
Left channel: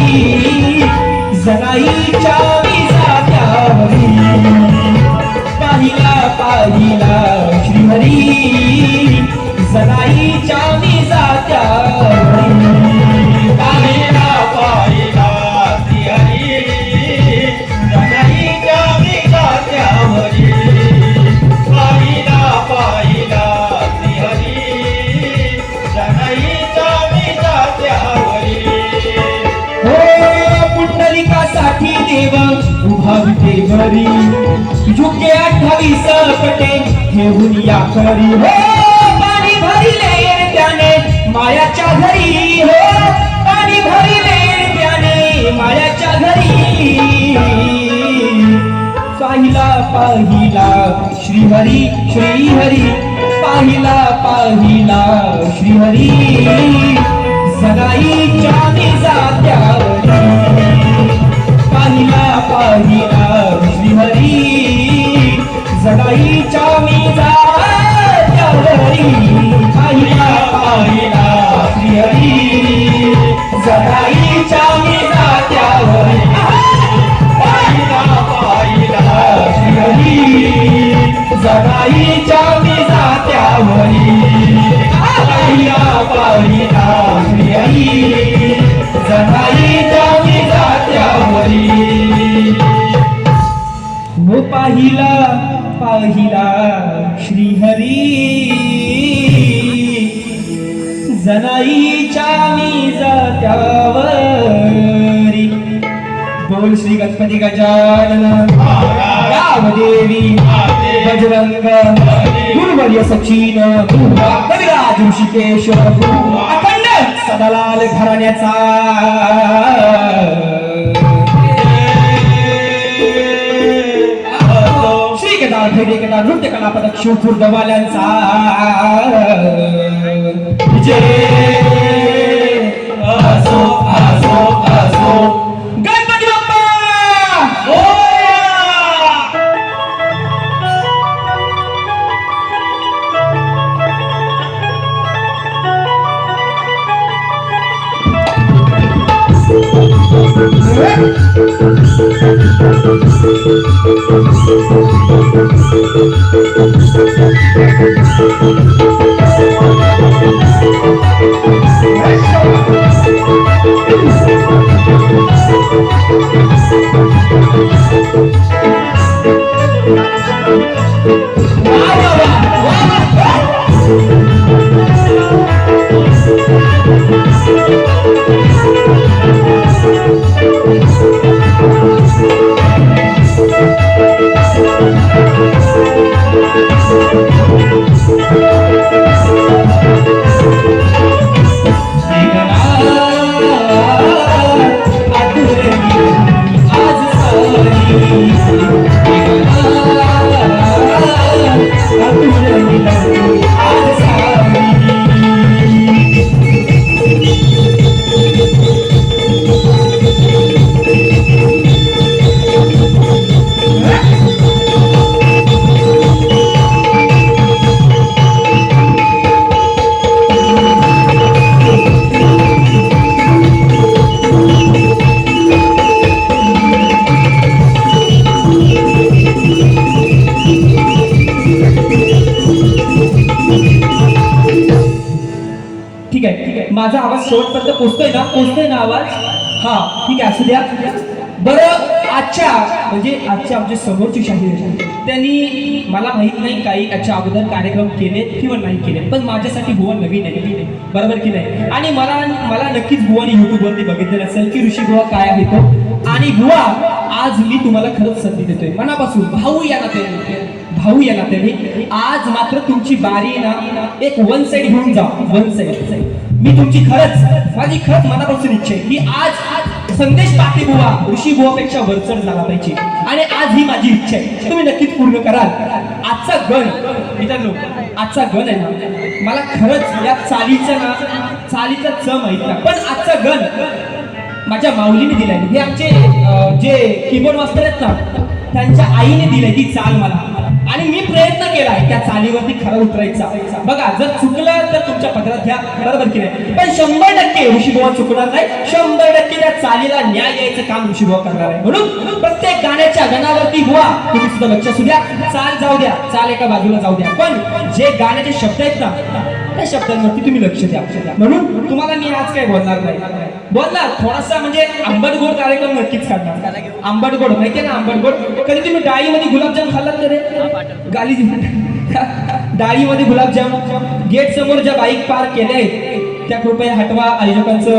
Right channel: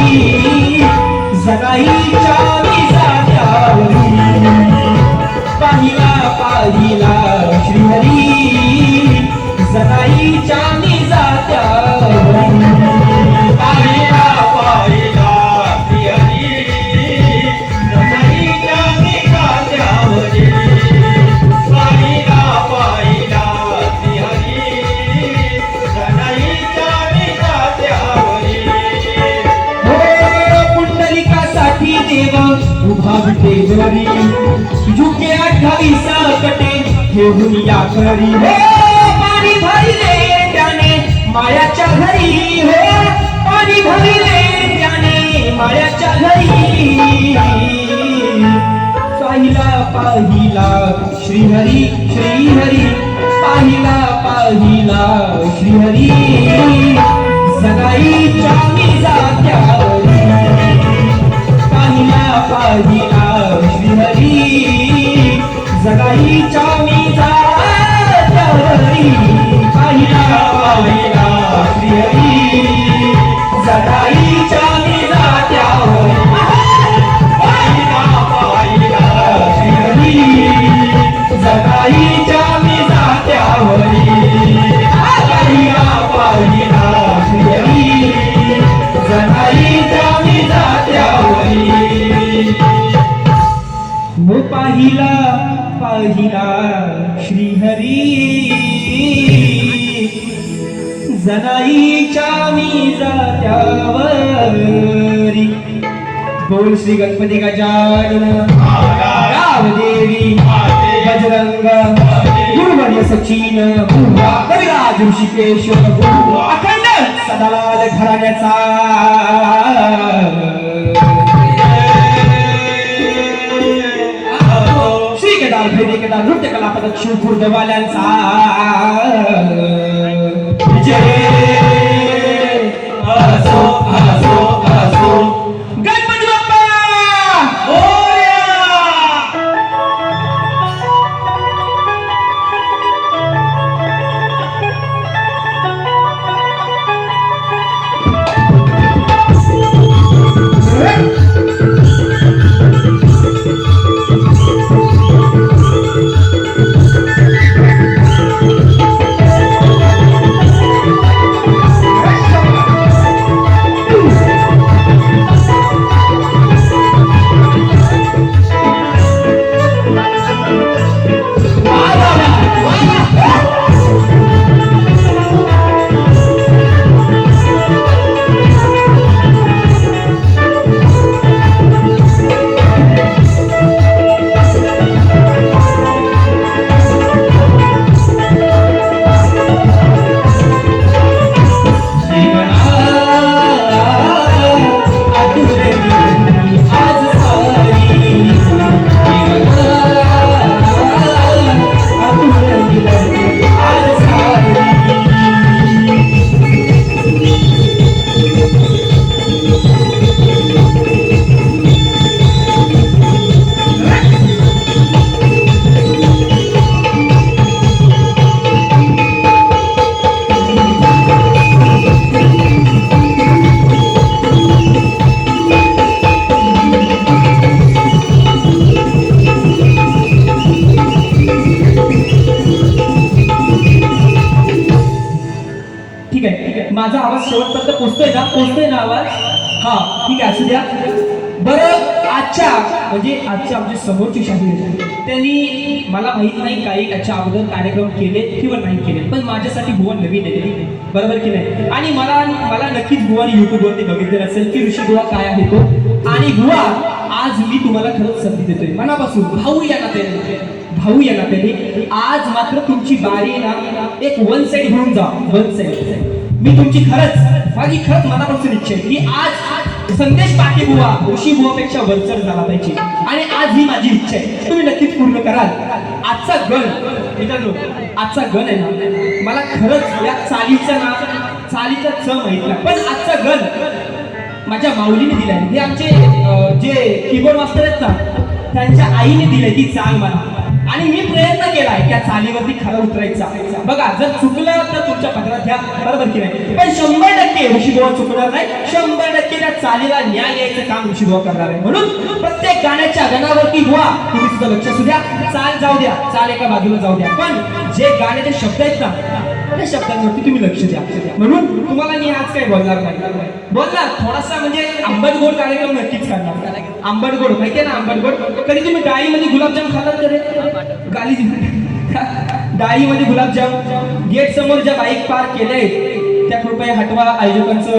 जनाईच्या मी जात्यावरी पाहिला पाहिला श्रीहरी जनाईच्या मी जात्यावरी पाहिला पाहिला श्रीहरी जनाईच्या मी जात्यावरी पाहिला पाहिला श्रीहरी जनाईच्या मी जात्यावरी पुंडलिकासाठी देव उभा विटेवरी झुके 28 कटे घेऊन या खरी पाणी भरिले त्याने मायाच्या घरी पाणी भरिले त्याने मायाच्या घरी पाहिला पाहिला श्रीहरी श्रीहरी पाहिला पाहिला श्रीहरी सदाईच्या मी जात्यावरी पाहिला पाहिला श्रीहरी जगाईच्या मी जात्यावरी पाहिला पाहिला श्रीहरी जगाईच्या मी जात्यावरी पाहिला पाहिला श्रीहरी जगाईच्या मी जात्यावरी पाहिला पाहिला श्रीहरी जगाईच्या मी जात्यावरी पाहिला श्रीहरी जनाईच्या मी जात्यावरी बोल श्री गणपती गजानन देवी बजरंग गुरुवर्य सचिन कविराज ऋषिकेश अखंड सदालाल घराण्याचा श्री केदार भैरी केदार नृत्य कला पदक शिवपूर दवाल्यांचा जय असो असो असो गणपती बाप्पा मोरया. माझा आवाज शेवटपर्यंत पोचतोय ना आवाज? हा ठीक आहे, असू द्या. बरं, आजच्या आमचे समोरची शाहीर त्यांनी मला माहित नाही काही याच्या अगोदर कार्यक्रम केले किंवा नाही केले, पण माझ्यासाठी बुवा नवीन आहे, बरोबर की नाही? आणि मला नक्कीच बुवानी युट्यूबवरती बघितलेलं असेल की ऋषी बुवा काय आहे तो. आणि बुवा आज मी तुम्हाला खरंच संधी देतोय मनापासून, भाऊ या नात्याने आज मात्र तुमची बारी ना एक वन साइड घेऊन जा. वन साइड मी तुमची माझी खरंच मनापासून इच्छा आहे की आज संदेश पाटील बुवा ऋषी बुवापेक्षा वरचढ झाला पाहिजे. आणि आज ही माझी इच्छा आहे, तुम्ही नक्कीच पूर्ण कराल. आजचा गण मित्रांनो, आजचा गण आहे ना, मला खरंच या चालीचा च माहित नाही, पण आजचा गण माझ्या माऊलीने दिलाय. हे आमचे जे कीबोर्ड मास्टर आहेत ना, त्यांच्या आईने दिलंय ती चाल मला, आणि मी प्रयत्न केलाय त्या चालीवरती खरा उतरायचा. बघा, जर चुकलं तर तुमच्या पदरात घ्या, बरोबर की नाही? पण 100% ऋषीबुवा चुकणार नाही, 100% त्या चालीला न्याय द्यायचं काम ऋषीबुवा करणार आहे. म्हणून प्रत्येक गाण्याच्या गणावरती बुवा तुम्ही सुद्धा लक्ष असू द्या. चाल जाऊ द्या, चाल एका बाजूला जाऊ द्या, पण जे गाण्याचे शब्द आहेत ना त्या शब्दांवरती तुम्ही लक्ष द्या. म्हणून तुम्हाला मी आज काही बोलणार नाही, बोलणार थोडासा म्हणजे आंबटगोड कार्यक्रम नक्कीच करणार. आंबटगोड माहितीये ना, आंबटगोड कधी तुम्ही डाळीमध्ये गुलाबजाम खाल्लात तरी? डाळीमध्ये गुलाबजाम. गेट समोर ज्या बाईक पार्क केल्या आहेत त्या कृपया हटवा. आयोजकांचं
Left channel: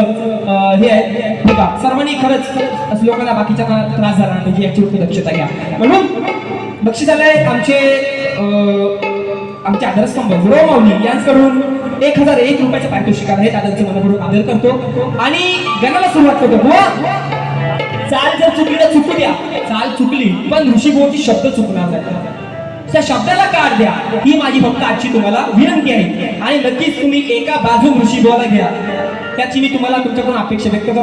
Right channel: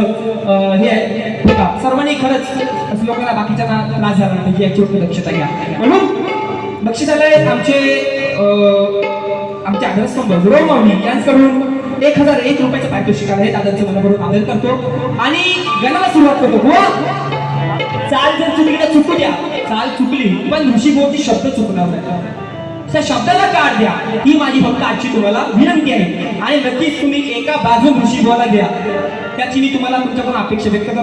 हे आहे बघा, सर्वांनी खरंच लोकांना बाकीच्या त्रास झाला नाही याची दक्षता घ्या. म्हणून बक्षिसालय आमचे आदरस्तंभ गुरव माऊली यांच्याकडून 1001 रुपयाचं पारितोषिक आहे. दादांचे मनापासून आदर करतो आणि गणाला सुरुवात करतो. चाल जर चुकली तर चुकू द्या, चाल चुकली पण ऋषीबुवाचे शब्द चुकणार नाही, त्या शब्दाला काढ द्या, ही माझी फक्त आजची तुम्हाला विनंती आहे. आणि नक्कीच तुम्ही एका बाजू ऋषीबुवाला घ्या, त्याची मी तुम्हाला तुमच्याकडून अपेक्षा व्यक्त करतो.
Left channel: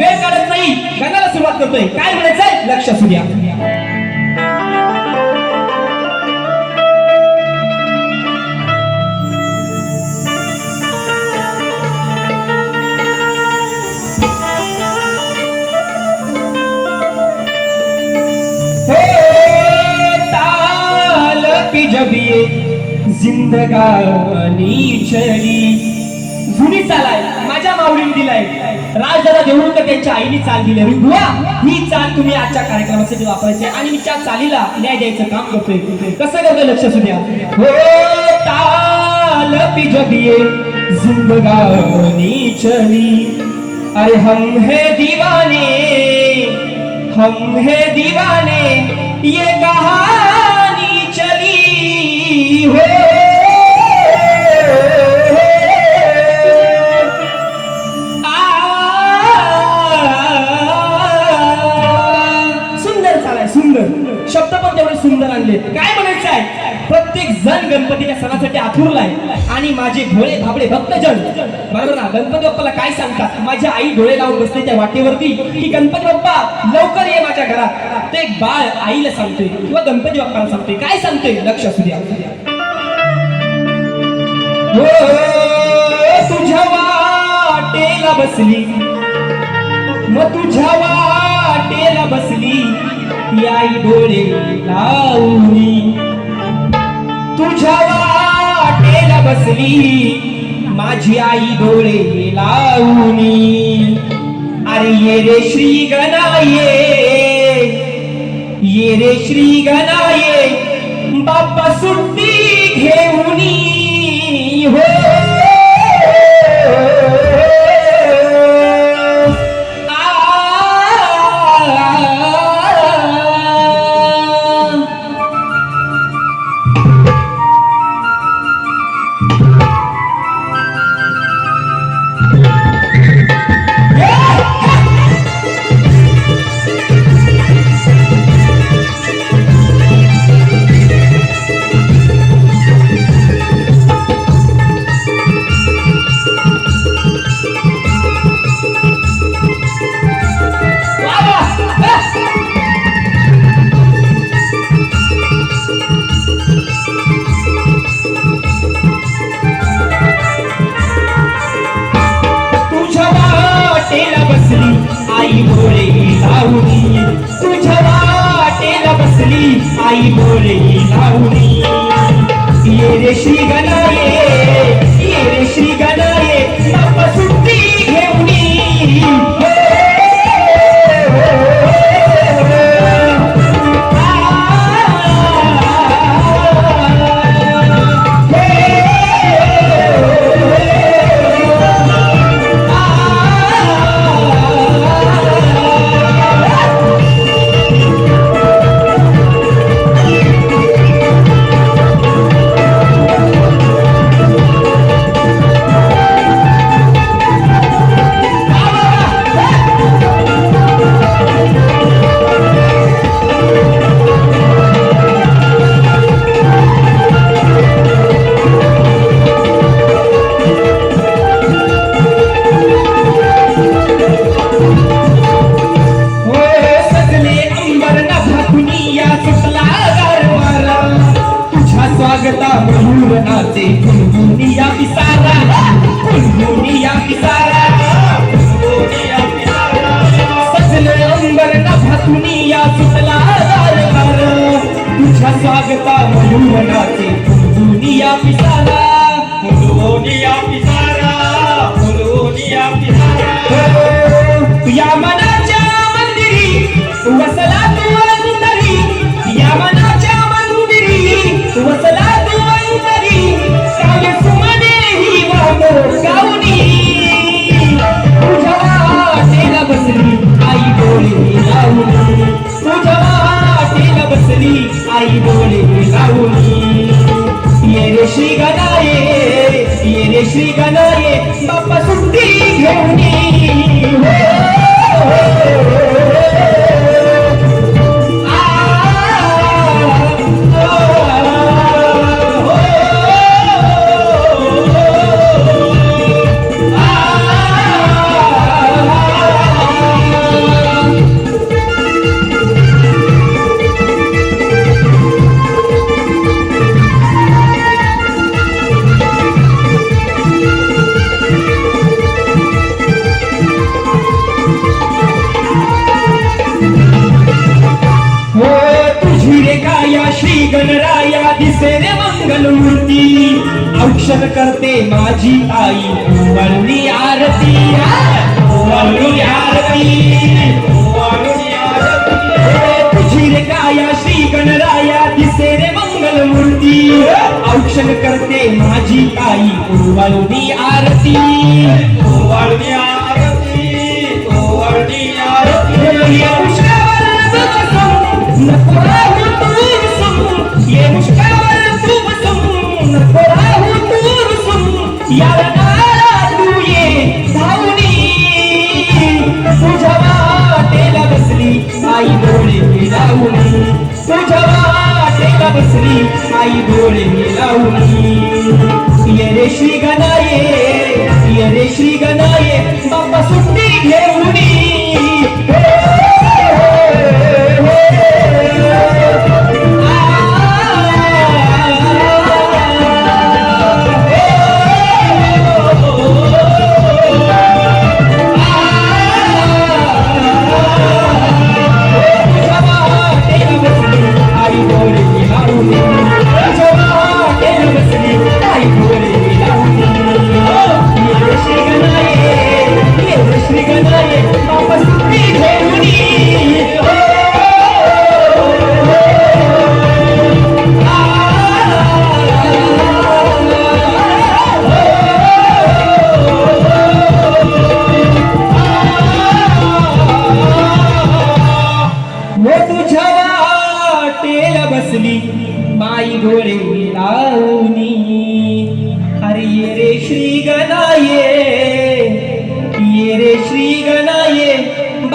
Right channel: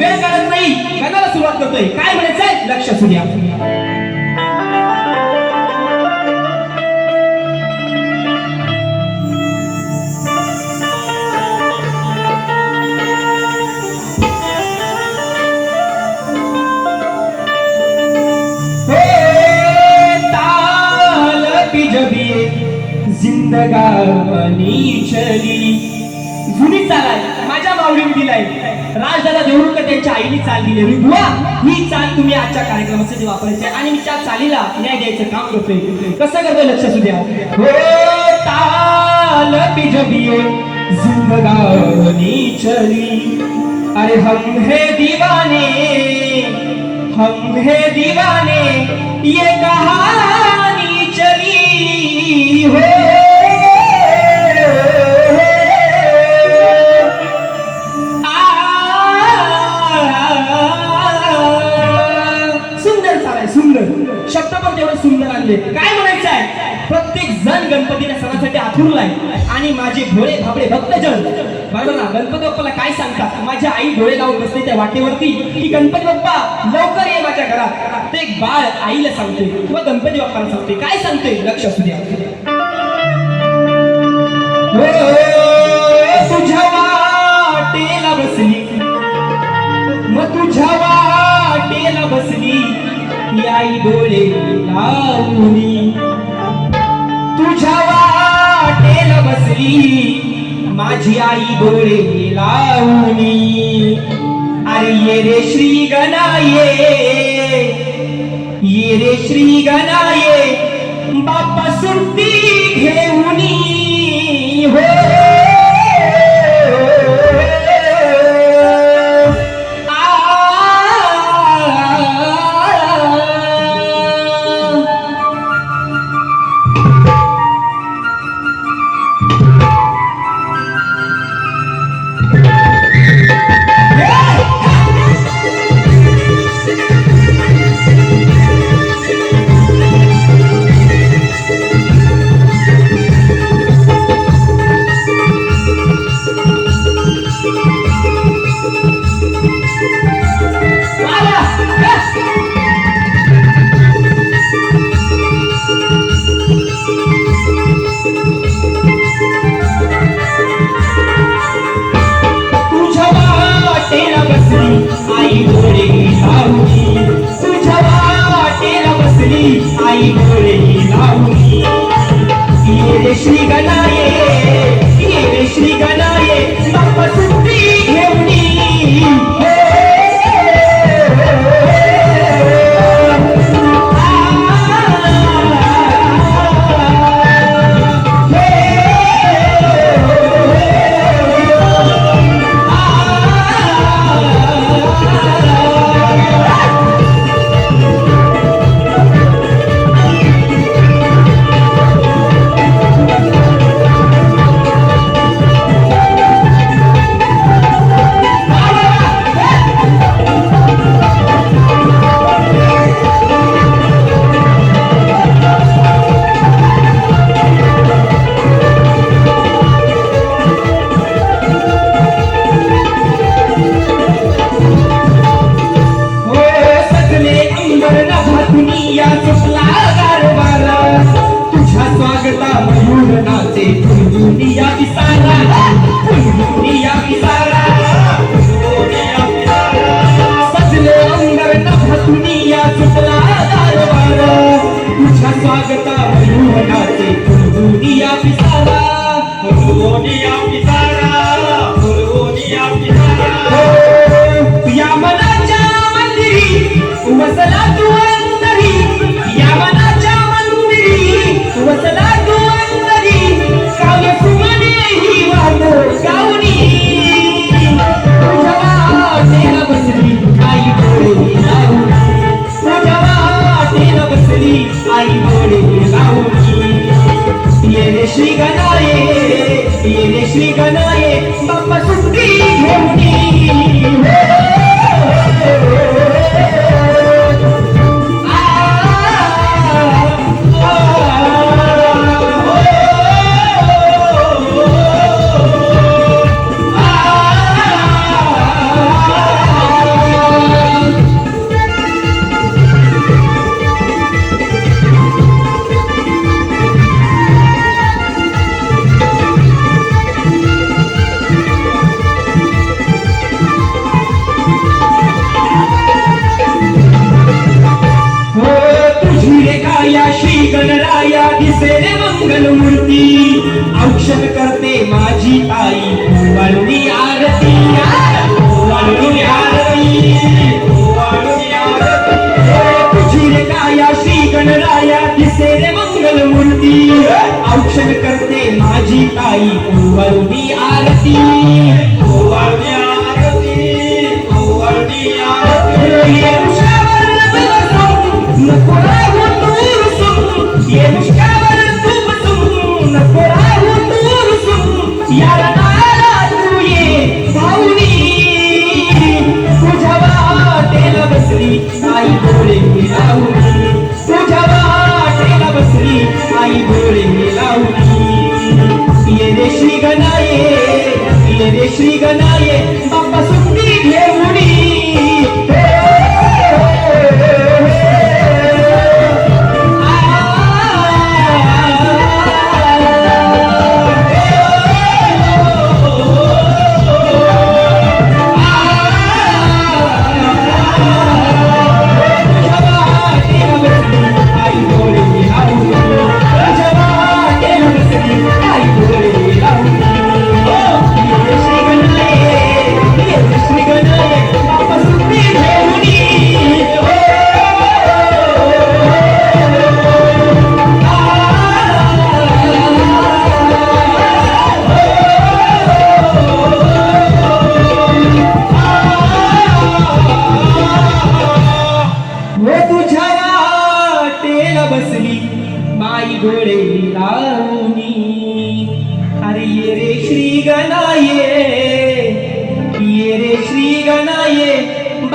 वेळ काढत नाही, गणाला सुरुवात करतोय. काय म्हणायचंय लक्ष असू द्या. जिंदगानी चली जुनी चाल आहे, माझ्या माझ्या माऊलीने दिलाय. राजदादा देवरुखकर त्यांच्या आईने चाल दिली. बुवा ही चाल तुम्ही आजच्या कार्यक्रमासाठी वापरायची आणि मी त्या चालीला न्याय द्यायचं काम करतोय. कसं करतोय लक्ष असू द्या. हो ताल पे जब ये जिंदगानी चली, अरे हम है दीवाने, हम है दीवाने, ये कहानी चली हो. सुंदर चालाय, सुंदर शब्द पण तेवढे सुंदर आणले. काय म्हणायचं आहे, प्रत्येक जण गणपतीच्या सणासाठी आतुरलाय आणि माझे भोळे भाबडे भक्तजन बरोबर ना गणपती बाप्पाला काय सांगतात. माझ्या आई डोळे लावून बसते त्या वाटेवरती की गणपती बाप्पा लवकर ये माझ्या घरात. ते एक बाळ आईला सांगते किंवा गणपती बाप्पाला सांगते. काय सांगते लक्ष असू द्या. तुझ्या वाटेला बसली, मग तुझ्या वाटेला बसली ही आई डोळे लावून, तुझ्या वाटेला बसली माझी आई डोळे लावूनी. अरे ये रे श्री गणाये, ये रे श्री गणाये, बाप्पा सुट्टी घेऊनी हो.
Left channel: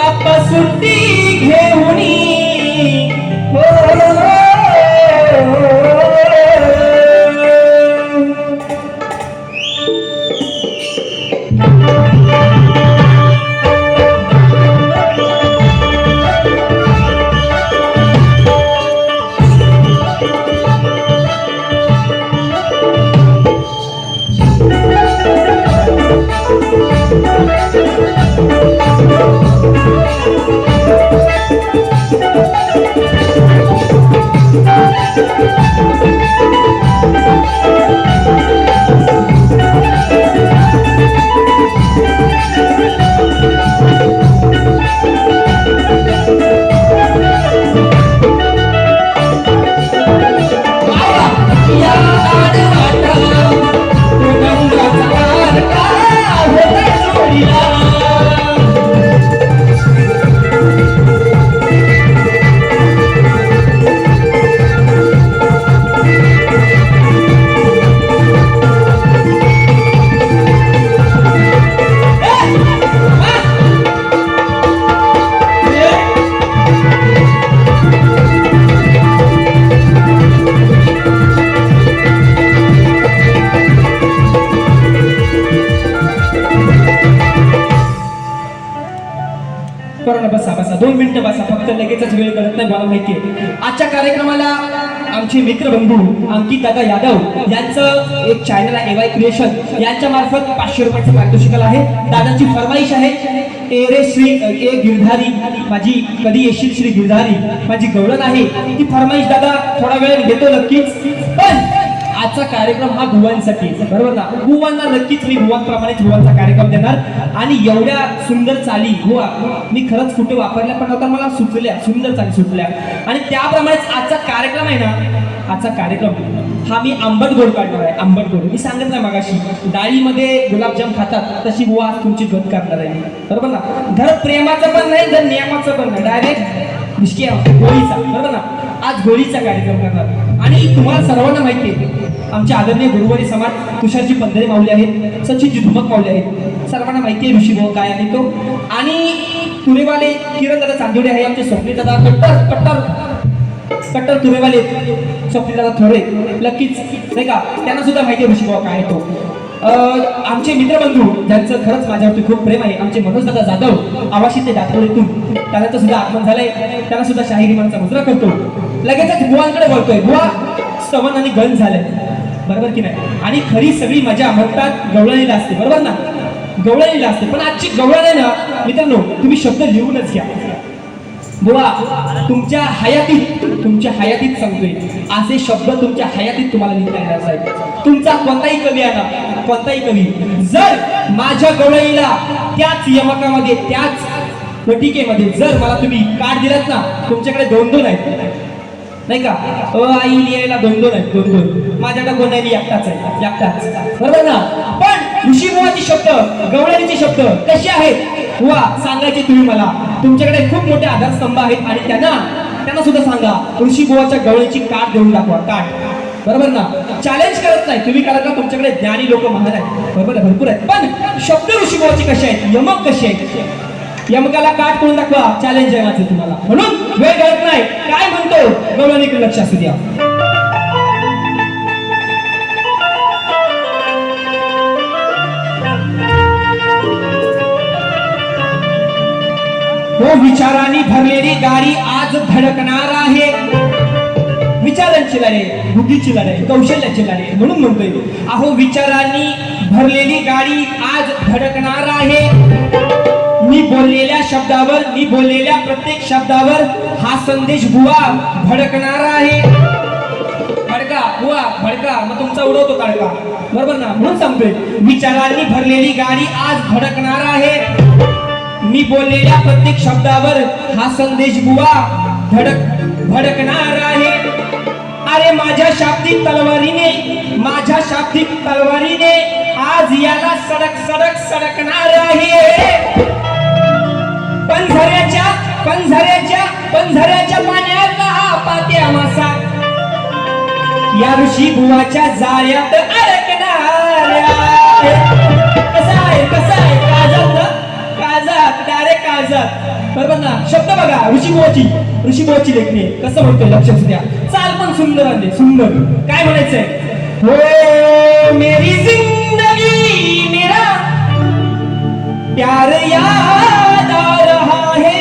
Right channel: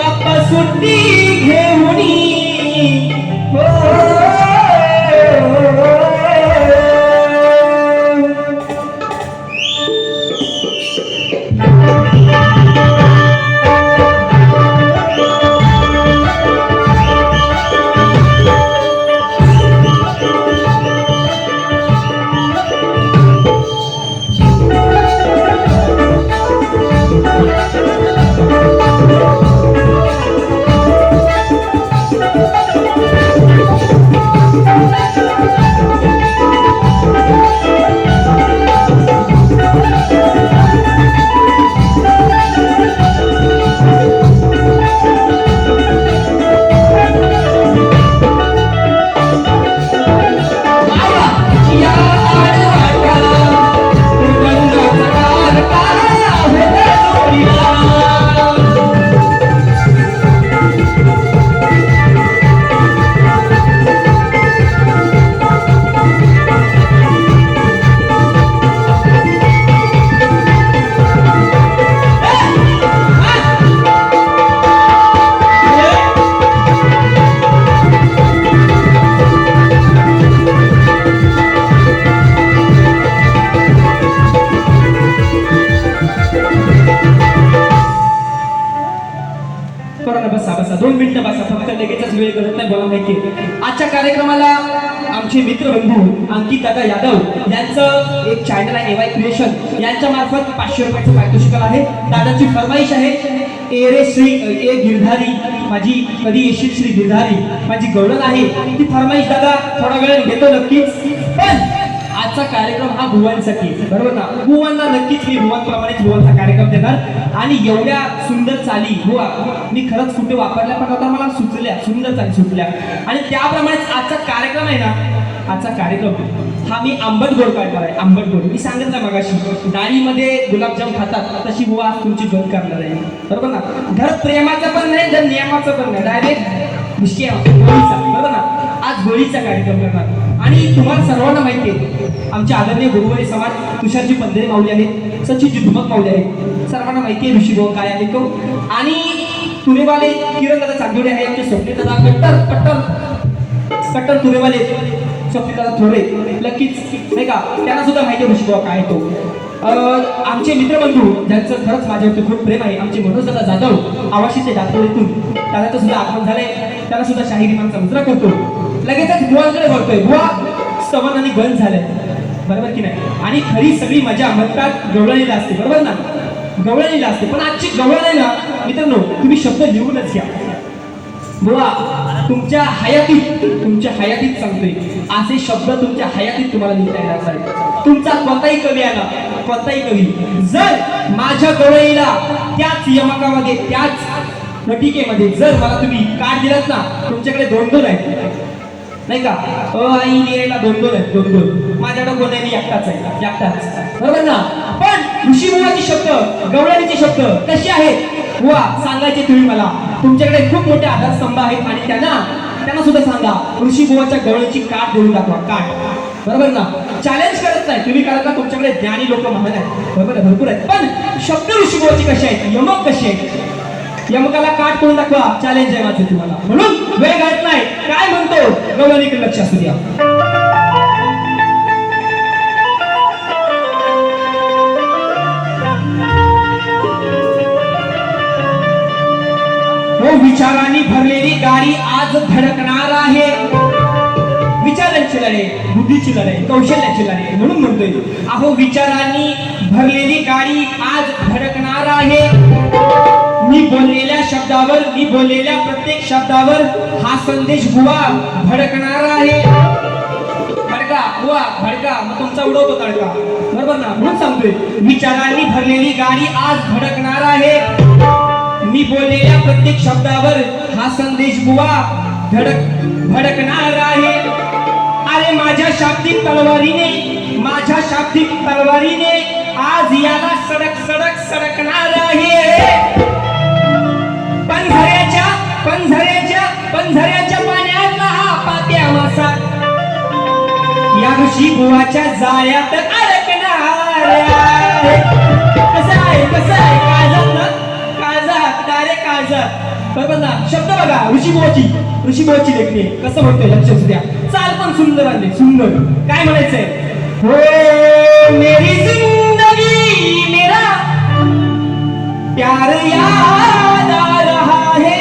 बाप्पा सुट्टी घेऊन हो. बसा बसा 2 मिनिटं बसा, फक्त लगेचच वेळ करत नाही, मला माहितीये. आजच्या कार्यक्रमाला आमचे मित्रबंधू अंकित दादा यादव यांचं एक चॅनल आहे AY क्रिएशन, यांच्या मार्फत 500 रुपयाचं पारितोषिक आहे. दादाची फरमाईश आहे, ए रे श्री ए गिरधारी माझी कधी येशील श्री गिरधारी माझी गवळण आहे. ती फरमाईश दादा थोडा वेळ घेतो नक्कीच, पण आजचा कार्यक्रम हा भुवांसाठी, बरोबर ना. भुवांना नक्कीच मी भुवांप्रमाणेच भुवांचा कार्यक्रम देणार. आणि एवढ्या सुंदर चाली भुवा मी खरंच कुठे वापरल्या, पण आता मला सुचल्या, सुंदर चाली सुटल्या. आणि त्याप्रमाणेच आजचा कार्यक्रम आहे ना, आजचा कार्यक्रम हा मी आंबट गोड काढणार आहे. आंबट गोड मी सांगितलं ना मगाशी, डाळीमध्ये गुलाबजाम खातात तशी बुवा आज तुमची गत करणार आहे, बरोबर ना. घर प्रेमाचं पण नाही, घर नियमाचं पण नाही, डायरेक्ट होळीचा, बरोबर ना. आज होळीचा कार्यक्रम करणार. आणि तुम्हाला सर्वांना माहिती आहे, आमचे आदरणीय गुरुवारी समाज तुषारजी पंधरे माऊली आहेत, सचिनजी धुमक माऊली आहेत, सर्वांना माहिती आहे ऋषीभाऊ काय आहे तो. आणि तुरेवाले किरण दादा चांदोडे आहे, आमचे स्वप्नील दादा कट्टर कट्टर कट्टर तुरेवाले स्वप्नील दादा थोडे नक्कीच नाही का, त्यांना सुद्धा माहिती आहे ऋषीभाऊ काय आहे तो. आमचे मित्रबंधू ज्यांचं खरंच माझ्यावरती खूप प्रेम आहे, आमचे मनोज दादा जाधव आवाशी ते दातवडीतून, त्याचं सुद्धा आगमन झालंय, त्याला सुद्धा शाहिरी मानचा मुद्रा करतो. लगेचच बुवांकडे बोलतोय, बुवा स्तवन आणि गण झालंय, बरोबर की नाही. आणि खरी सगळी मजा म्हणतात गवळणीला असते, बरोबर ना, गवळणीला असते. पण आजची गवळण आहे ना मित्रांनो, तुम्ही शब्द लिहूनच घ्या. बुवा तुमच्या हयातीत सांगतोय, असे शब्द तुमच्या हयातीत तुम्हाला लिहिता येणार पाहिजे. तुमचा कोणताही कवी आला, कोणताही कवी जर माझ्या गवळणीला त्याच यमकामध्ये, त्याच प्रतीकेमध्ये जर मला तुम्ही कार्ड दिलात ना, तुमच्याकडे 2-2 आहेत नाही का, आई लिहायला 2-2 आहेत, 2-2. माझ्याकडे कोण नाही, एकटाच आहे, एकटाच, बरोबर ना. पण ऋषीमुळाचे शब्द, गवळणीचे शब्द कसे आहेत बुवा सांगायचे तुम्ही मला. तुमच्याकडे खूप मोठे आधारस्तंभ आहेत आणि त्यांना सुद्धा सांगा ऋषीबुवाच्या गवळणीची काठ घेऊन दाखवा, काठ, बरोबर ना. चॅलेंज करत नाही तुम्ही, कारण का तुमच्याकडे ज्ञानी लोक महान आहेत, बरोबर, भरपूर आहेत. पण शब्द ऋषीबुवाचे कसे आहेत, यमक कसे आहेत, यमकाला काठ करून दाखवा, चॅलेंज आहे माझं तुम्हाला. म्हणून वेळ घालत नाही, काय म्हणतो गवळणीकडे लक्ष असू द्या. हो विचारांनी भरलेली गाडी आज धडकणार आहे, विचारांची लढाई, बुद्धीची लढाई, कौशल्याची लढाई. म्हणून म्हणतोय, अहो विचारांनी भरलेली गाडी आज धडकणार आहे. मी बोललेल्या शब्दावर, मी बोललेल्या प्रत्येक शब्दावर हा संदेश बुवा भडकणार आहे. भडका बुवा भडका, मग तुमचा उडवतो तडका, बरोबर ना. म्हणून सांगतोय, विचारांनी भरलेली गाडी आज भडकणार आहे. मी बोललेल्या प्रत्येक शब्दावर हा संदेश बुवा भडकणार आहे. अरे माझ्या शाब्दिक तलवारीने, माझ्या शाब्दिक तलवारीने आज याला सडक सडक सडकणार आहे. पंधऱ्याच्या पाण्यातला हा पात्या मासा या ऋषी बुवाच्या जाळ्यात अडकणार आहे. कसं आहे काळजात ना, काळजात, डायरेक्ट काळजात, शब्द बघा, ऋषीमुळाची लेखणी आहे. कसं म्हणतोय लक्ष असू द्या. चाल पण सुंदर आहे, सुंदर. काय म्हणायचंय? हो मेरी जिंदगी मेरा प्यार याद आ रहा है,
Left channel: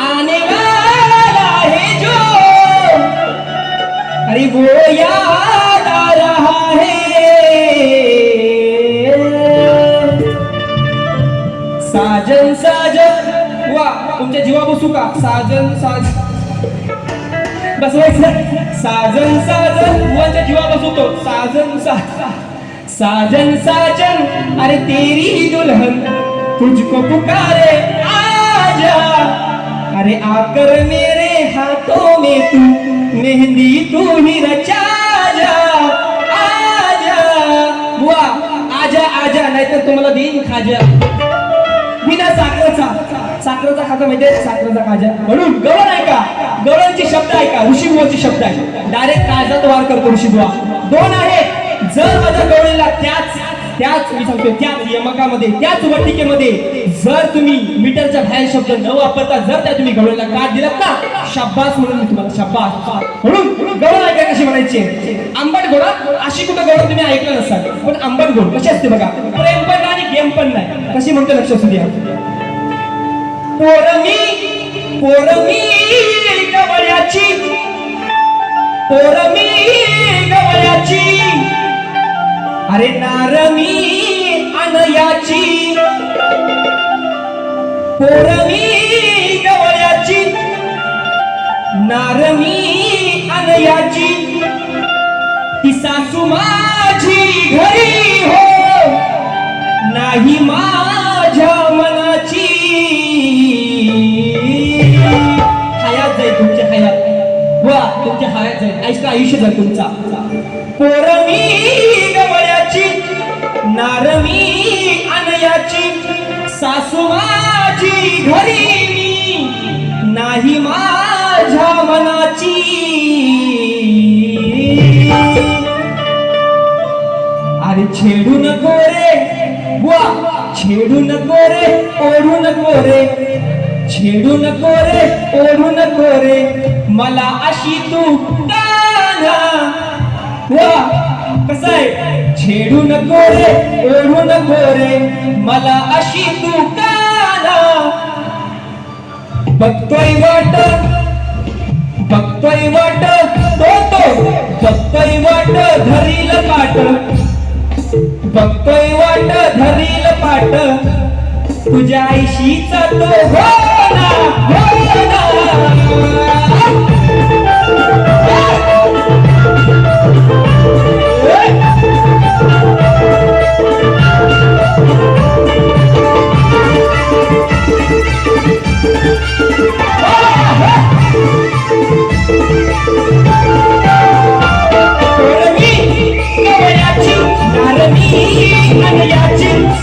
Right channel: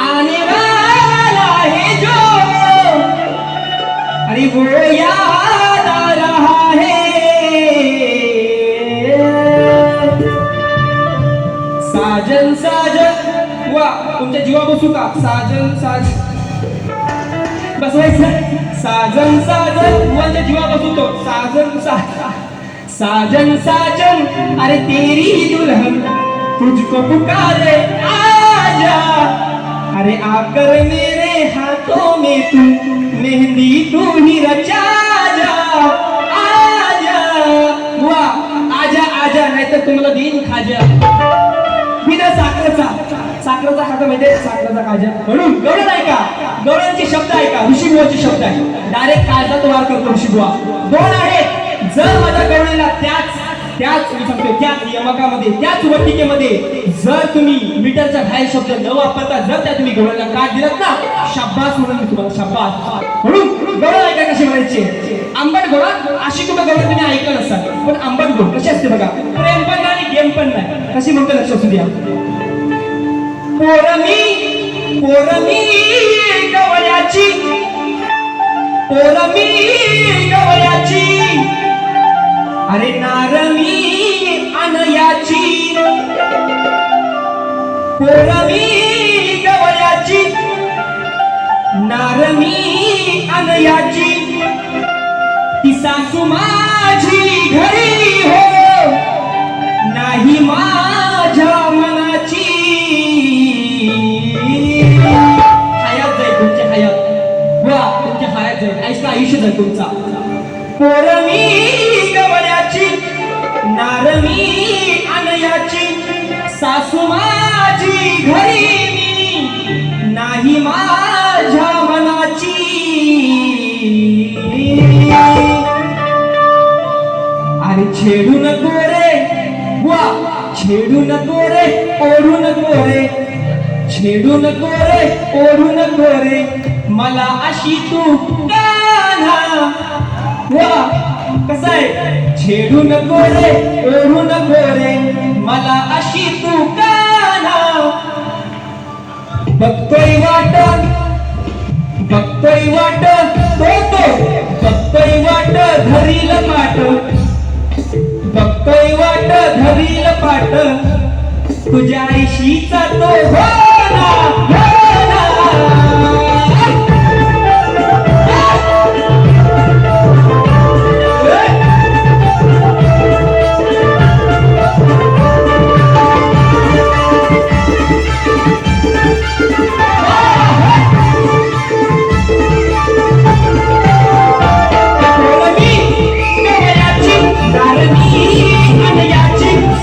आने वाला है जो, अरे वो याद आ रहा है. साजन साजन, वा तुमच्या जीवा बसू का? साजन साजन बसवायचं. साजन साजन मुलांच्या जीवा बसवतो. साजन साजन साजन, अरे तेरी दुल्हन तुझको पुकारे आजा, अरे आकर मेरे हाथों में तू मेहंदी तू ही रचा जा. आजा वा, आजा आजा, नाहीतर तुम्हाला देईन खाजा. बिना साखरेचा खाजा म्हणजे साखरेचा खाजा. म्हणून गवळण आहे का? गवळणचे शब्द आहे का? ऋषीमुळाचे शब्द आहे. डायरेक्ट काळजात वार करतो ऋषीमुळा. दोन आहेत. जर माझ्या गवळणीला त्याच मी सांगतो त्याच यमकामध्ये, त्याच वटिकेमध्ये जर तुम्ही मीटरच्या बाहेर शब्द न वापरता जर त्या तुम्ही गवळणीला काट दिलात ना, शाब्बास म्हणून मी तुम्हाला शाब्बास. म्हणून गवळण ऐका कशी म्हणायची. आंबट गोळा अशी कुठं गवळण तुम्ही ऐकलं नसाल, पण आंबट गोळ कशी असते बघा. प्रेम पण नाही आणि गेम पण नाही. कशी म्हणतो लक्ष असू द्या. पोरमी गवळ्याची, पोरमी गवळ्याची, अरे नारमी अनयाची, पोरमी गवळ्याची, नारमी अनयाची, ती सासू माझी घरी हो नाही माझ्या मनाची. हयात जाईल तुमची, हयात वा तुमच्या हयात जाईल, आयुष्य जाईल तुमचा. पोरमी गवळ्याची, नारमी अनयाची, सासू माझी घरी मी नाही माझ्या मनाची. अरे छेडू नको रे वा, छेडू नको रे, ओढू नको रे, छेडू नको रे, ओढू नको रे, मला अशी तू कान्हा. वा कसं आहे? छेडू नको रे, ओढू नको रे, मला अशी तू कान्हा. बघतोय वाट तो बघतोय वाट धरील पाट, बघतोय वाट धरील पाट, तुझ्या आईशीचा तो हो ना, हो ना.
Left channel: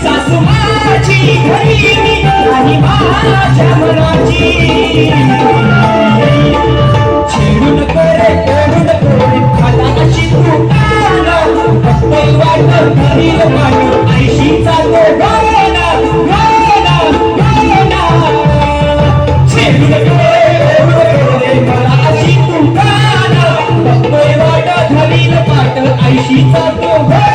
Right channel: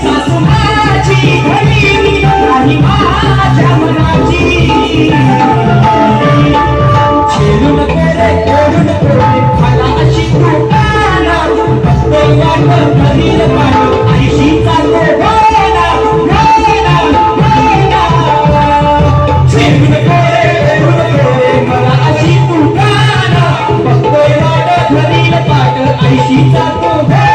सासू माझी घरी आणि माझ्या मनाची. छेडू नको रे, ओढू नको रे, मला अशी तू काना. बघतोय वाट धरील पाट, आईशीचा तो गाना, गाना, गाना. छेडू नको रे, ओढू नको रे, मला अशी तू काना. बघतोय वाट धरील पाट, आईशीचा तो गाना.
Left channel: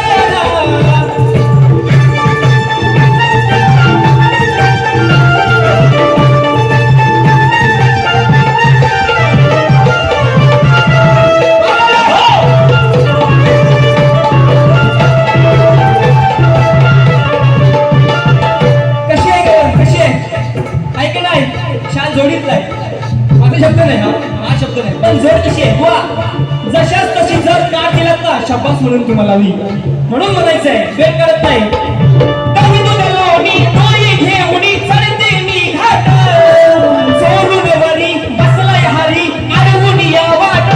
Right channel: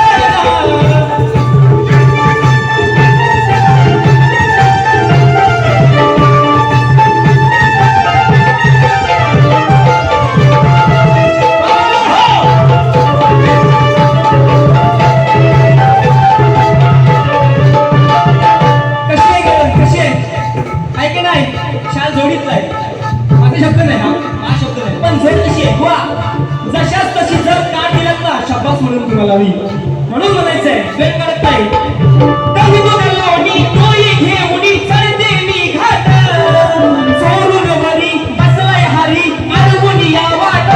शब्द नाही हा शब्द नाही, पण जर कशी आहे वा, जशाच तशी जर काट दिलात ना, शाबास म्हणून तुम्हाला मी. म्हणून म्हणायचंय वेळ करत नाही. चोरून वरी बसलाय हरी, अडवून या वाट,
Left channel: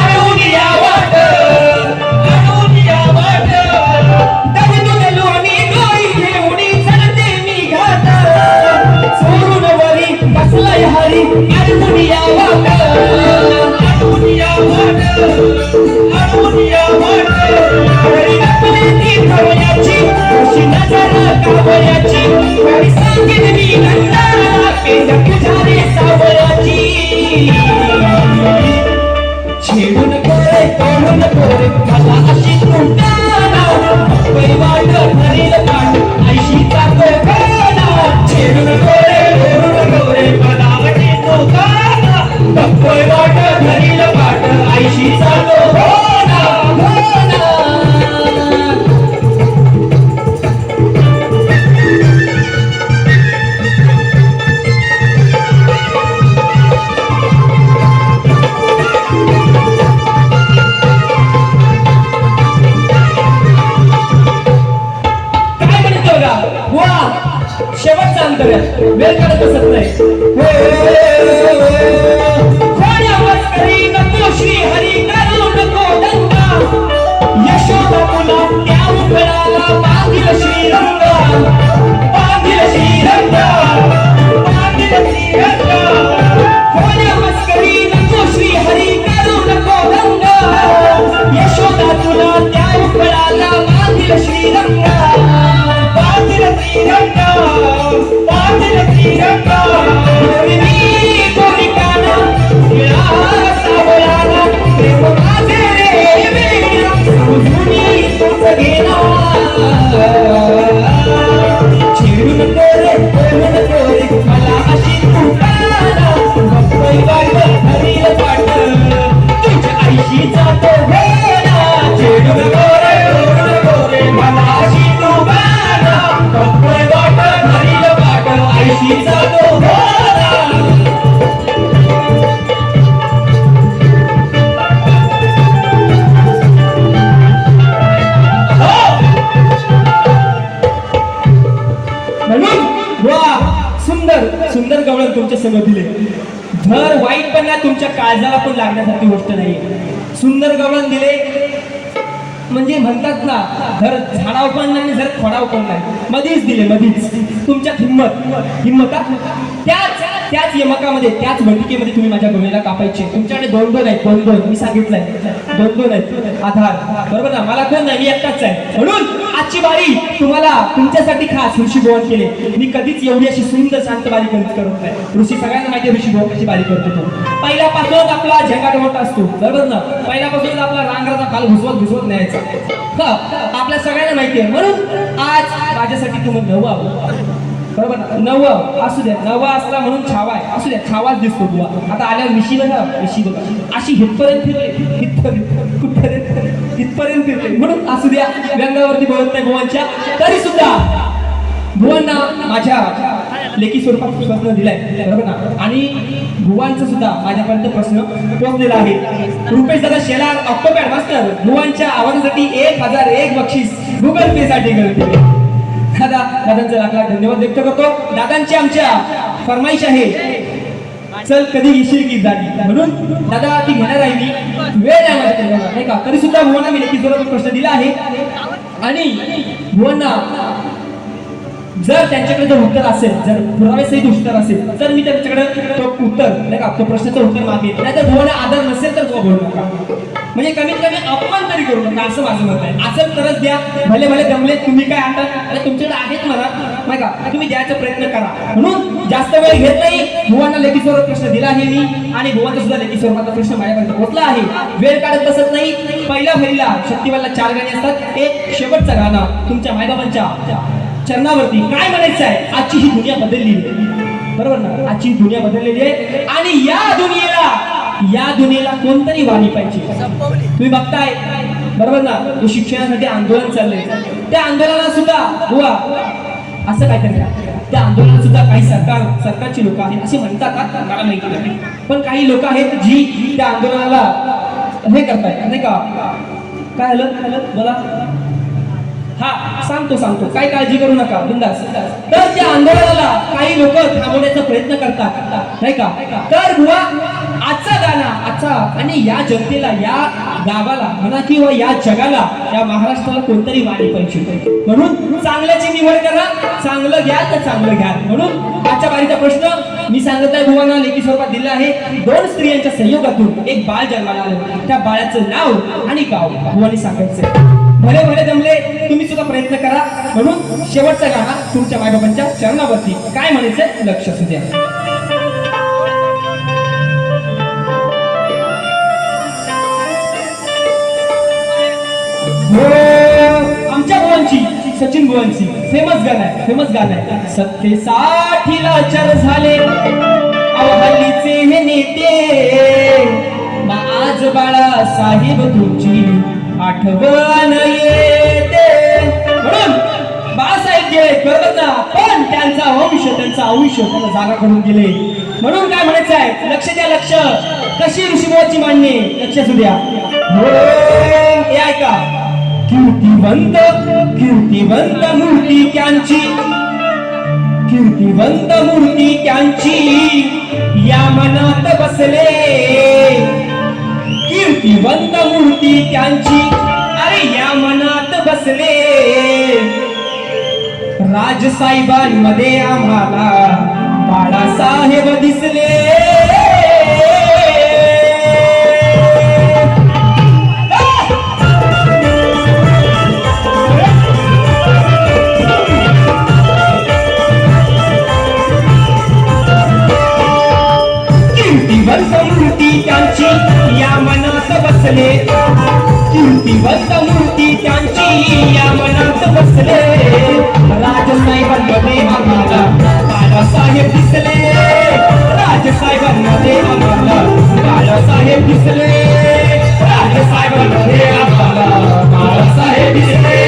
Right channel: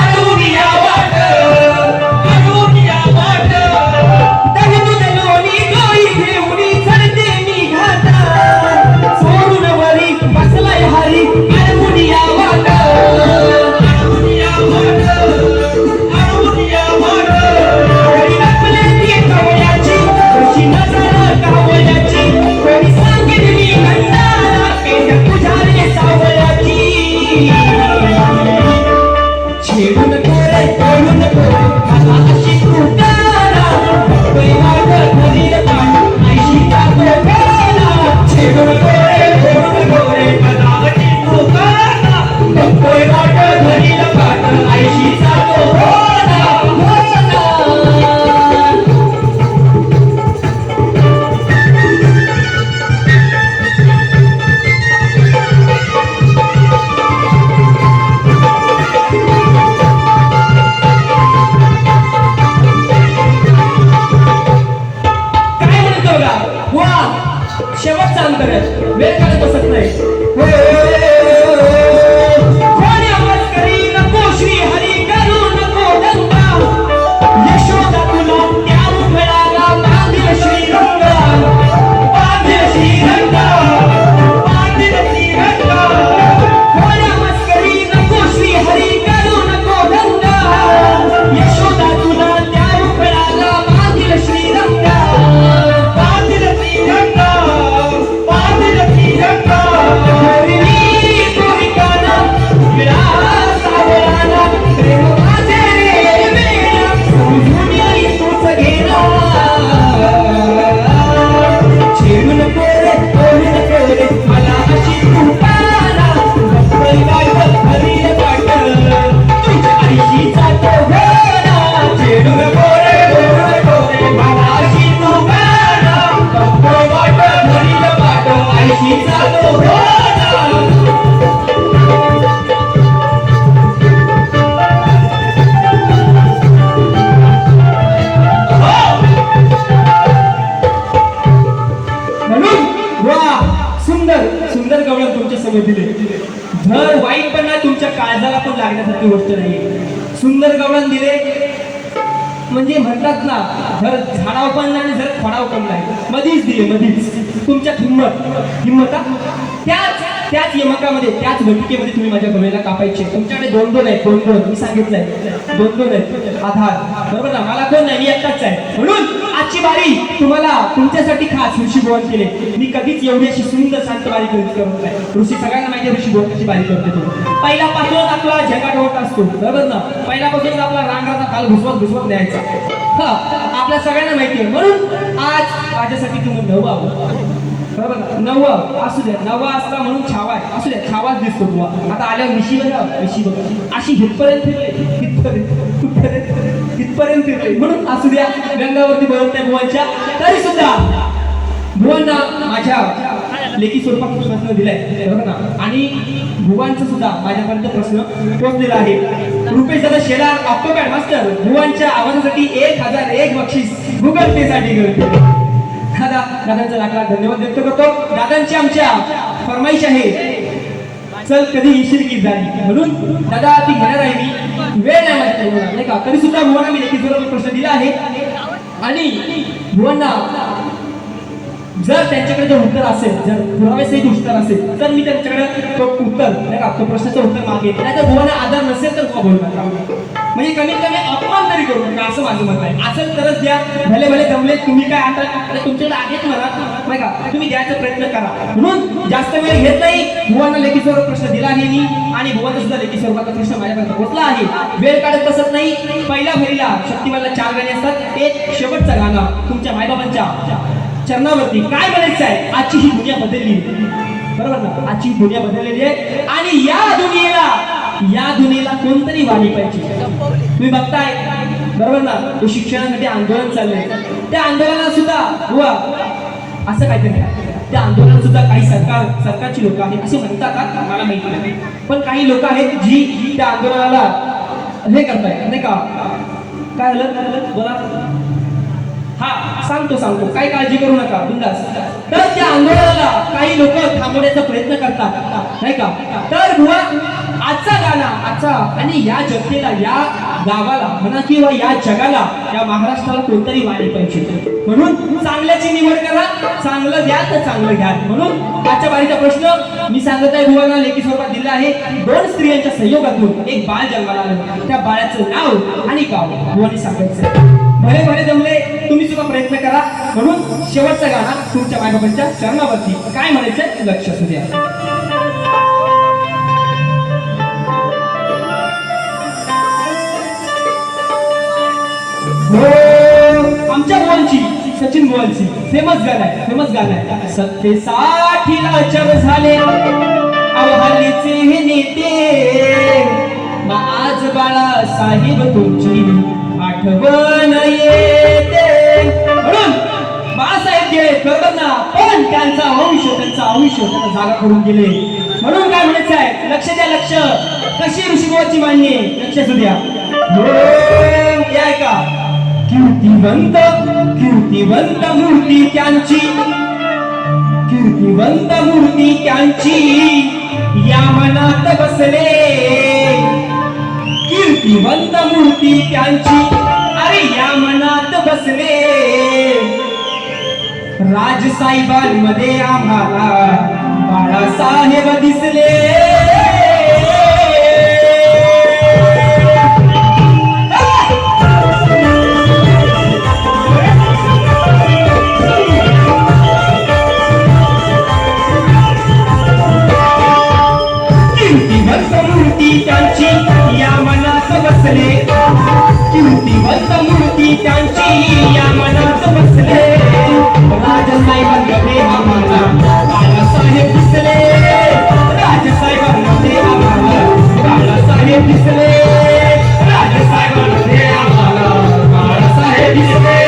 अडवून या वाट, अडवून या वाट. दगदून लोणी डोई घेऊन चढते मी घाट, चोरून वरी बसलाय हरी, अडवून या वाट, अडवून करूया, वेळ काढत बसत नाही. कोणी आवाज करी नको श्री हरी करू नको दंगा, यशोदा तुला त्या उघडाला बांधील श्रीरंगा, बांधील श्रीरंगा, बांधील श्रीरंगा. कोणी आवाज करी नको श्री हरी करू नको दंगा, यशोदा तुला त्या उघडाला बांधील श्रीरंगा, बांधील श्रीरंगा, बांधील श्रीरंगा. प्रेम माझे रे समजून येईल तोच घेणा, चिडून कोरे करून कोरे मला अशी तुकारा, बघतोय वाट हरील वाट तुझ्या आईशी जातो वेळा, चिडून कोरे करून कोरे मला अशी तुकारा, बघतोय वाट हरील वाट आईशी जातो वेळा. सुंदर गवळण तुमच्या समोर दिले. धर वाईटपणा तुमच्या काळजाला पण लागण्यासारखी गोष्ट नाही. सुंदर गवळण दिले म्हणजे म्हणतात ना, धर झाडाव पण नाही, जर खोडाव पण नाही, मधीच दिले, मधीच. तुमच्यात हिंमत त्याच यमकामध्ये, त्याच भटिकेमध्ये तुम्ही माझ्या गवळीला कापायचे. तुमच्याकडे दोन आहेत, दोन मी सांगितलंय, दोन आहेत आधार, बरोबर ना. मला कोण नाही, मी एकटाच आहे. म्हणून आजची बारी तुम्हाला तुमच्यासाठी खास ऋषी भुवन केले. मी कधीच एवढी अशी सुंदर शांत बारी करत नाही. ऋषी सगळ्यांना माहिती ऋषी भुवन कशी बारी करतो तो. पहिल्यापासून आपला झेंगाट असतो, बरोबर ना. पहिल्यापासून आपला रांगाचा खाल घुसवत न्यायचा, आपल्या सगळ्यांना माहिती आहे. म्हणून आज माझ्यासाठी तुम्ही नवं, बरोबर, नवं असू द्या, नवा असला म्हणून छावा आहे, असू द्या, छावाच दिसतो तुला. आता आल्या मिशी बघा अशी हितपर्यंत फिरले, हितपर्यंत फिरले. म्हणून असू द्या, व्यंगावरती बोलत नाही भुवनच्या, तरी सुद्धा भुवन माझ्या लेखी स्वरूपात प्रश्न दिलाय, बरोबर ना. आणि भुवनचा सुद्धा माझ्यापर्यंत प्रश्न पोहोचलेला आहे. रुपेश दादा शेलार ऑक्टोपॅड मास्टर भुवनच्या आवाजासाठी 1001 बक्षीस गुगल पे साठी करते. दादांचा लाख धन्यवाद व्यक्त करतो. दादांची आमच्या फरमाईश आहे, चल कधी येशील की झाली, म्हणून दादा ती घेणार आहे मी, वेळ नाही माझ्याकडे नाही का. तरी सुद्धा भुवना मी लेखी स्वरूपात प्रश्न दिला आहे. आणि भुवना जर त्यांच्याकडे जर उत्तर असेल, जर पुराव्यासहित उत्तर असेल, तर मी त्यांच्याकडे तो उत्तर नाही का, तो प्रश्नाचं उत्तर मागेल. नाही तर भुवना आदर नसेल तर तो बोलू नका, म्हणजे कमीत कमी अपमान तरी करू नका, असं माझं मत आहे. असेल तरच द्या, भले जमले. तुम्ही काय आणता, तुमच्याकडे आहेत म्हणा नाही का, तुम्ही द्यायचा प्रयत्न करा. म्हणून जास्त वेळ घेत नाही. भुवना लेखी स्वरूपात प्रश्न दिला आहे मी, आणि भुवनचा सुद्धा लेखी स्वरूपाचा प्रश्न माझ्यापर्यंत पोहोचला आहे. वेळ काढत बसत नाही. पहिल्या फेरीला शक्तिवानला 4 गाणी असतात. एक शेवटचं गाणं तुमच्या मायबाबांच्या चरणावरती. काय म्हणायचं आहे, आजची ही दुनिया बदलली, बरोबर ना. आजची दुनिया बदललेली आहे, आणि या दुनियेला कोणतरी वाणी पाहिजे. तुम्ही बघताय, बरोबर ना, तो शिक्षणासाठी आंदोलन चाललंय. त्या आंदोलनात सुद्धा बुवा असं काहीतरी, त्या आंदोलनात सुद्धा काही सरकारची लोक आहेत असे म्हणतात, मला माहिती नाही, पण काही लोक आहेत जी त्या आंदोलनाला हे करताय नाही का. काय झालं बोला. हा सांगतो, काही काळजी करू नका, बिंदास. तर त्या आंदोलनाला काही लोक थांबवण्याचा प्रयत्न करतात नाही का. तर बुवा आजचा गाणं, आजचा आणि या जनतेला, या गावाला म्हणा किंवा या जगाला, या महाराष्ट्राला कोणतरी वाणी पाहिजे. म्हणून चांगल्याची निवड करा, चांगलं घ्या तर चांगलं घ्या. म्हणून आजच्या बारीचा प्रश्न मी सांगत आहे, भुवना लेखी स्वरूपात दिला आहे. 2 स्त्रियांच्या संयोगातून एक बाळ जन्माला आलं. त्या बाळाचं नाव आणि गाव भुवनी सांगायचं. भले जमले, तुम्ही सुद्धा प्रयत्न करा. म्हणून शेवटचा गाणा तुमच्या मायबाबांच्या चरणावरती. काय म्हणायचं लक्ष असू द्या. आमच्या भुवनची, सचिन भुवनची फेमस गाणं आहे. सत्तेसाठी लाचार झाले हल्लीचे हे नेते, आज बाळा साहेब तुमची आठवण येते. म्हणून बाळासाहेब जे बरोबर ना, पण त्यांचा आयुष्य त्यांना जागा करून दिले. म्हणून काय म्हणायचं आहे, लक्ष द्या, लक्ष. कशी ऋषीभुवाची मान्य, लक्ष असू द्या. हे ऐका, कीर्तिवंत मूर्ती त्यांची, कीर्तिवंत कीर्तिवंत मूर्ती त्यांची या मनात बसले, कीर्तिवंत मूर्ती त्यांची अरे या मनात बसले. राजसाहेबांमध्ये आम्हाला बाळासाहेब दिसले. कीर्तिवंत मूर्ती त्यांची या मनात बसले, कीर्तिवंत मूर्ती त्यांची या मनात बसले. राजसाहेबांमध्ये आम्हाला बाळासाहेब दिसले, राजसाहेबांमध्ये आम्हाला बाळासाहेब दिसले, राजसाहेबांमध्ये आम्हाला बाळासाहेब दिसले,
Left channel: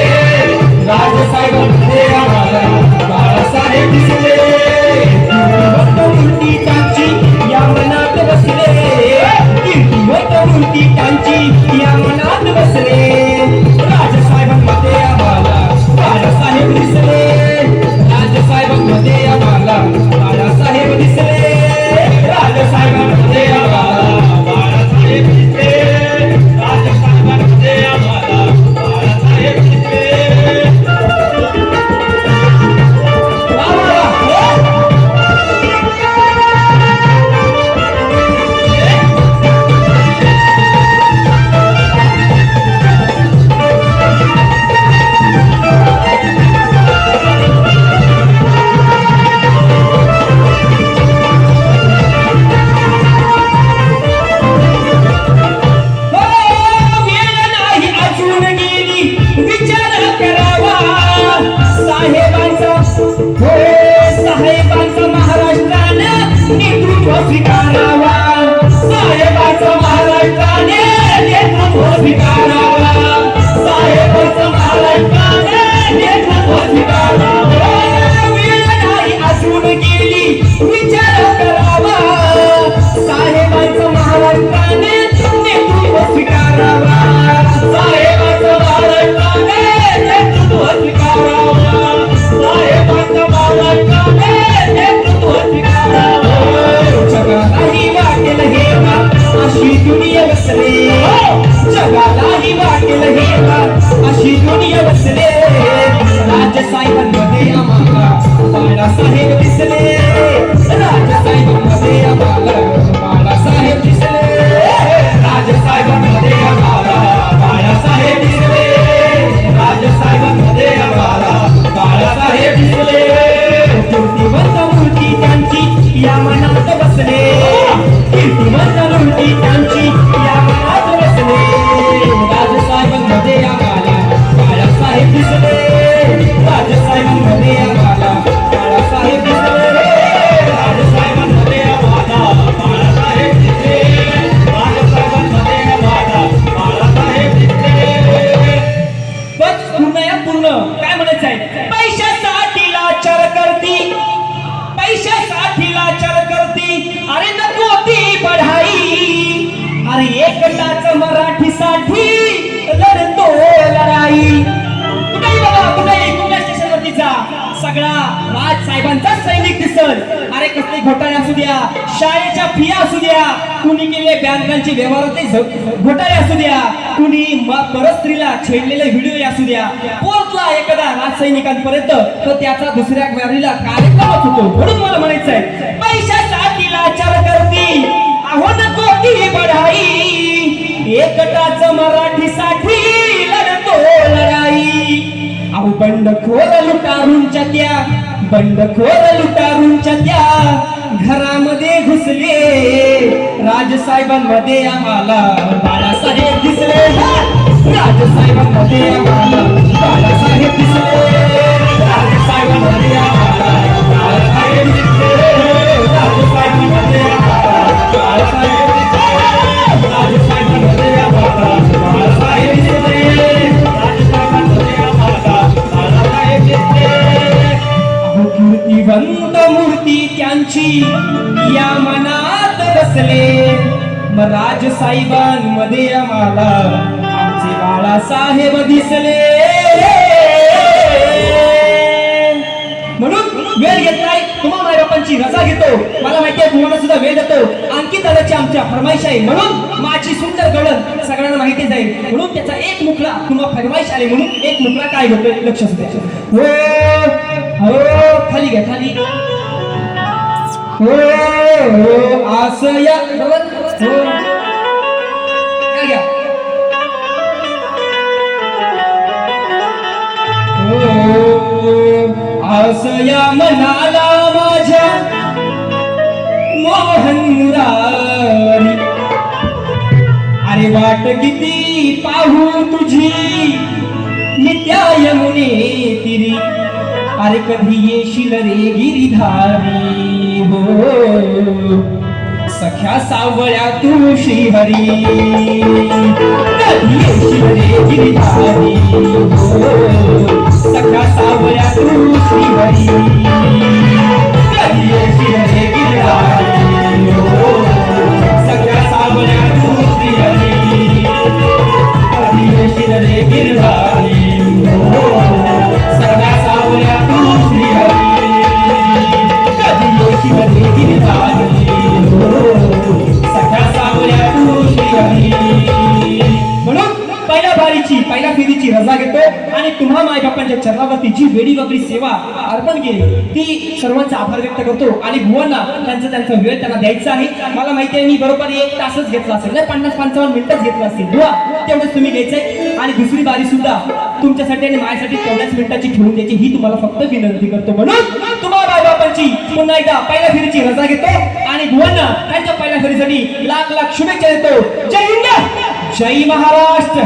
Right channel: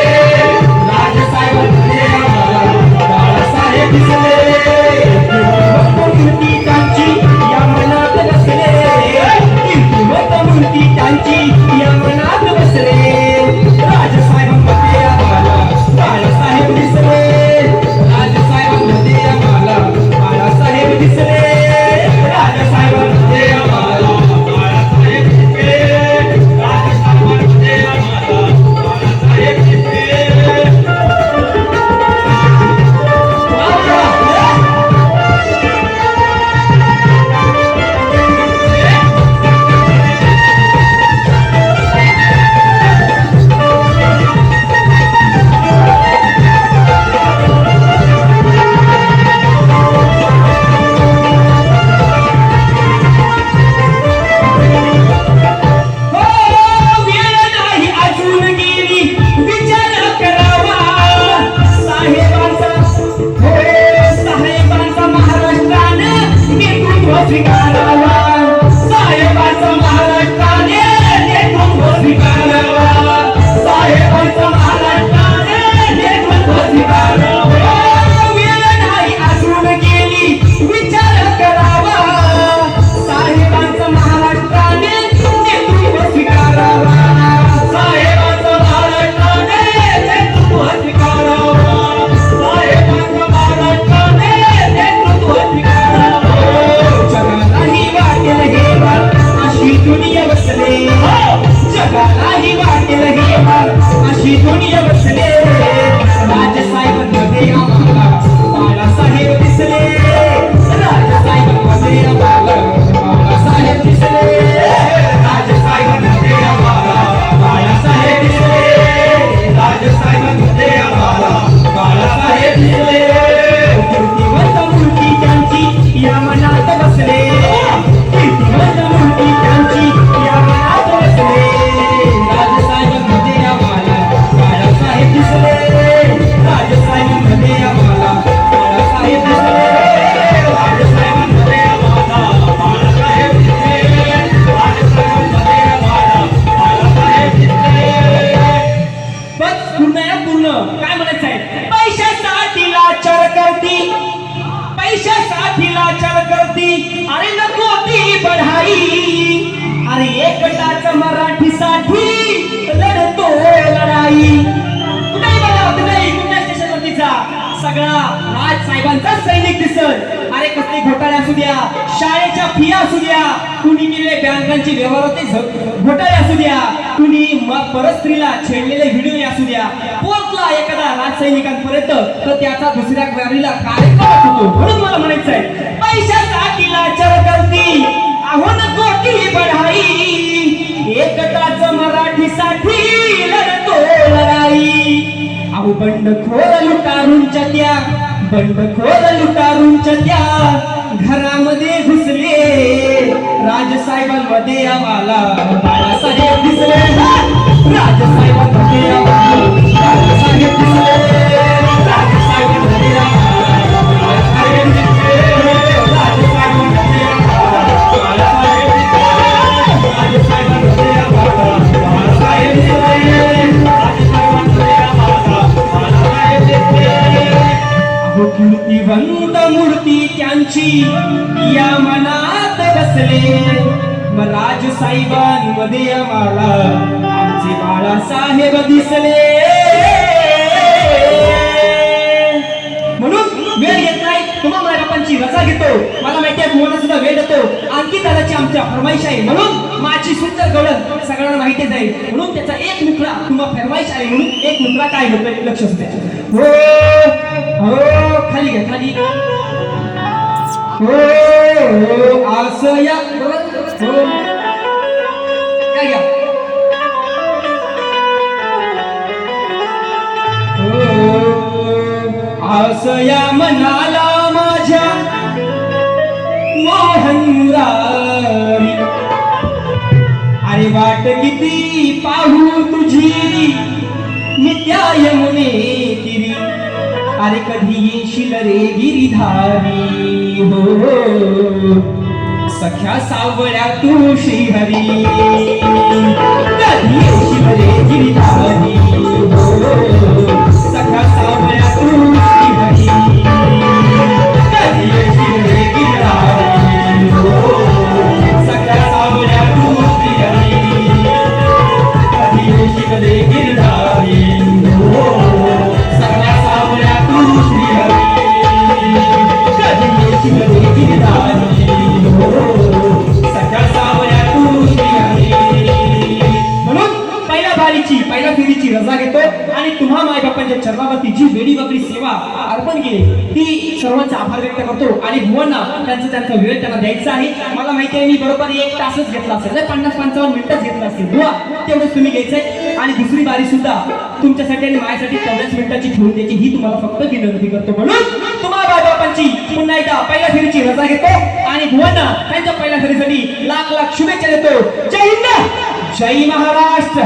राजसाहेबांमध्ये आम्हाला बाळासाहेब दिसले. कीर्तिवंत मूर्ती त्यांची या मनात बसले, कीर्तिवंत मूर्ती त्यांची या मनात बसले. राजसाहेबांमध्ये आम्हाला बाळासाहेब दिसले, राजसाहेबांमध्ये आम्हाला बाळासाहेब दिसले, राजसाहेबांमध्ये आम्हाला बाळासाहेब दिसले, राजसाहेबांमध्ये आम्हाला बाळासाहेब दिसले. सगळा राजसाहेबांचा सैनिक दिसल. अरे कसले घोटाळे असू द्या, शाळेच्या फिया असू द्या, कुणी केलेले बँकांची व्यवहार घोटाळे असू द्या, कुणी परस्त्रीला छेडलेले व्हिडिओ असू द्या, पोहोचला एखादा राजसैनिकांपर्यंत तर त्याचा दुसऱ्या वारीला कार्यक्रमच होतो. म्हणून मला म्हणायचं आहे, पैशासाठी लाचार करती अहो नको ती बढाई, एकटाच मराठीसाठी लढतो लढाई. अहो बंडखोर लुटारूंच्या त्या, बंडखोर लुटारूंच्या त्या घरामध्ये घुसले. राजसाहेबांमध्ये आम्हाला बाळासाहेब दिसले, राजसाहेबांमध्ये आम्हाला बाळासाहेब दिसले, राजसाहेबांमध्ये आम्हाला बाळासाहेब दिसले, राजसाहेबांमध्ये आम्हाला बाळासाहेब दिसले, राजसाहेबांमध्ये आम्हाला बाळासाहेब दिसले, राजसाहेबांमध्ये आम्हाला बाळासाहेब दिसले. अहो कीर्तिवंत मूर्ती त्यांची या मनात बसले, मग राजसाहेबांमध्ये आम्हाला आमचे बाळासाहेब दिसले. म्हणून वेळ घेत नाही तुम्हाला रजा घेतो. मला माहिती आहे तुम्हाला सुद्धा वेळ जातो. आणखी दादाची आमच्या फरमाईश आहे म्हणून माझी सुंदर गळण सगळ्यांना माहितीच आहे. म्हणून त्याचा एक मुखला किंवा फरमाईश आहे म्हणून एक मुखला काय होतोय लक्ष असते. हो हो खाली घ्या खाली. हो हो असं या हो या घ्या. असं या मनाला माझ्या मोहन मुरारी. अरे वाट किती पाहू तुझी नित्या यमुने तिरी. अरे कधी येशील रे गिरिधारी हो सख्या सावळ्या तू श्रीहरी. कधी येशील रे गिरिधारी हो सख्या सावळ्या तू श्रीहरी. कधी येशील रे गिरिधारी हो सख्या सावळ्या तू श्रीहरी. कधी येशील रे गिरिधारी हो सख्या सावळ्या तू श्रीहरी. कधी येशील रे गिरिधारी हो सख्या सावळ्या तू श्रीहरी. म्हणून पहिल्या बारीची पहिल्या फेरीची रजा घेतो आणि तुम्हा माय बापांच्या चरणावरती जी वेडी वाकडी सेवा अर्पण केली ती सर्वांचा आभार व्यक्त करतो. आणि भुवांना त्यांचा वेळ त्यांना द्यायचा आहे. मला माहिती आहे मी बरोबर 1 तासच घेतला असेल, 50-55 मिनिटच घेतला असेल. बुवा तेवढंच तुम्ही घ्यायचंय. आणि दुसरी बारी सुद्धा तुमच्यासाठी आणि माझ्यासाठी 14 मिनिटाची ठेवून द्यायची ही तुम्हाला फक्त विनंती करतो. म्हणून तुम्हा माय बापांची पुन्हा एकदा पहिल्या फेरीची रजा घेतो आणि भुवांना त्यांच्या पहिल्या फेरीसाठी लाख लाख शुभेच्छा देतो. जय हिंद जय महाराष्ट्र.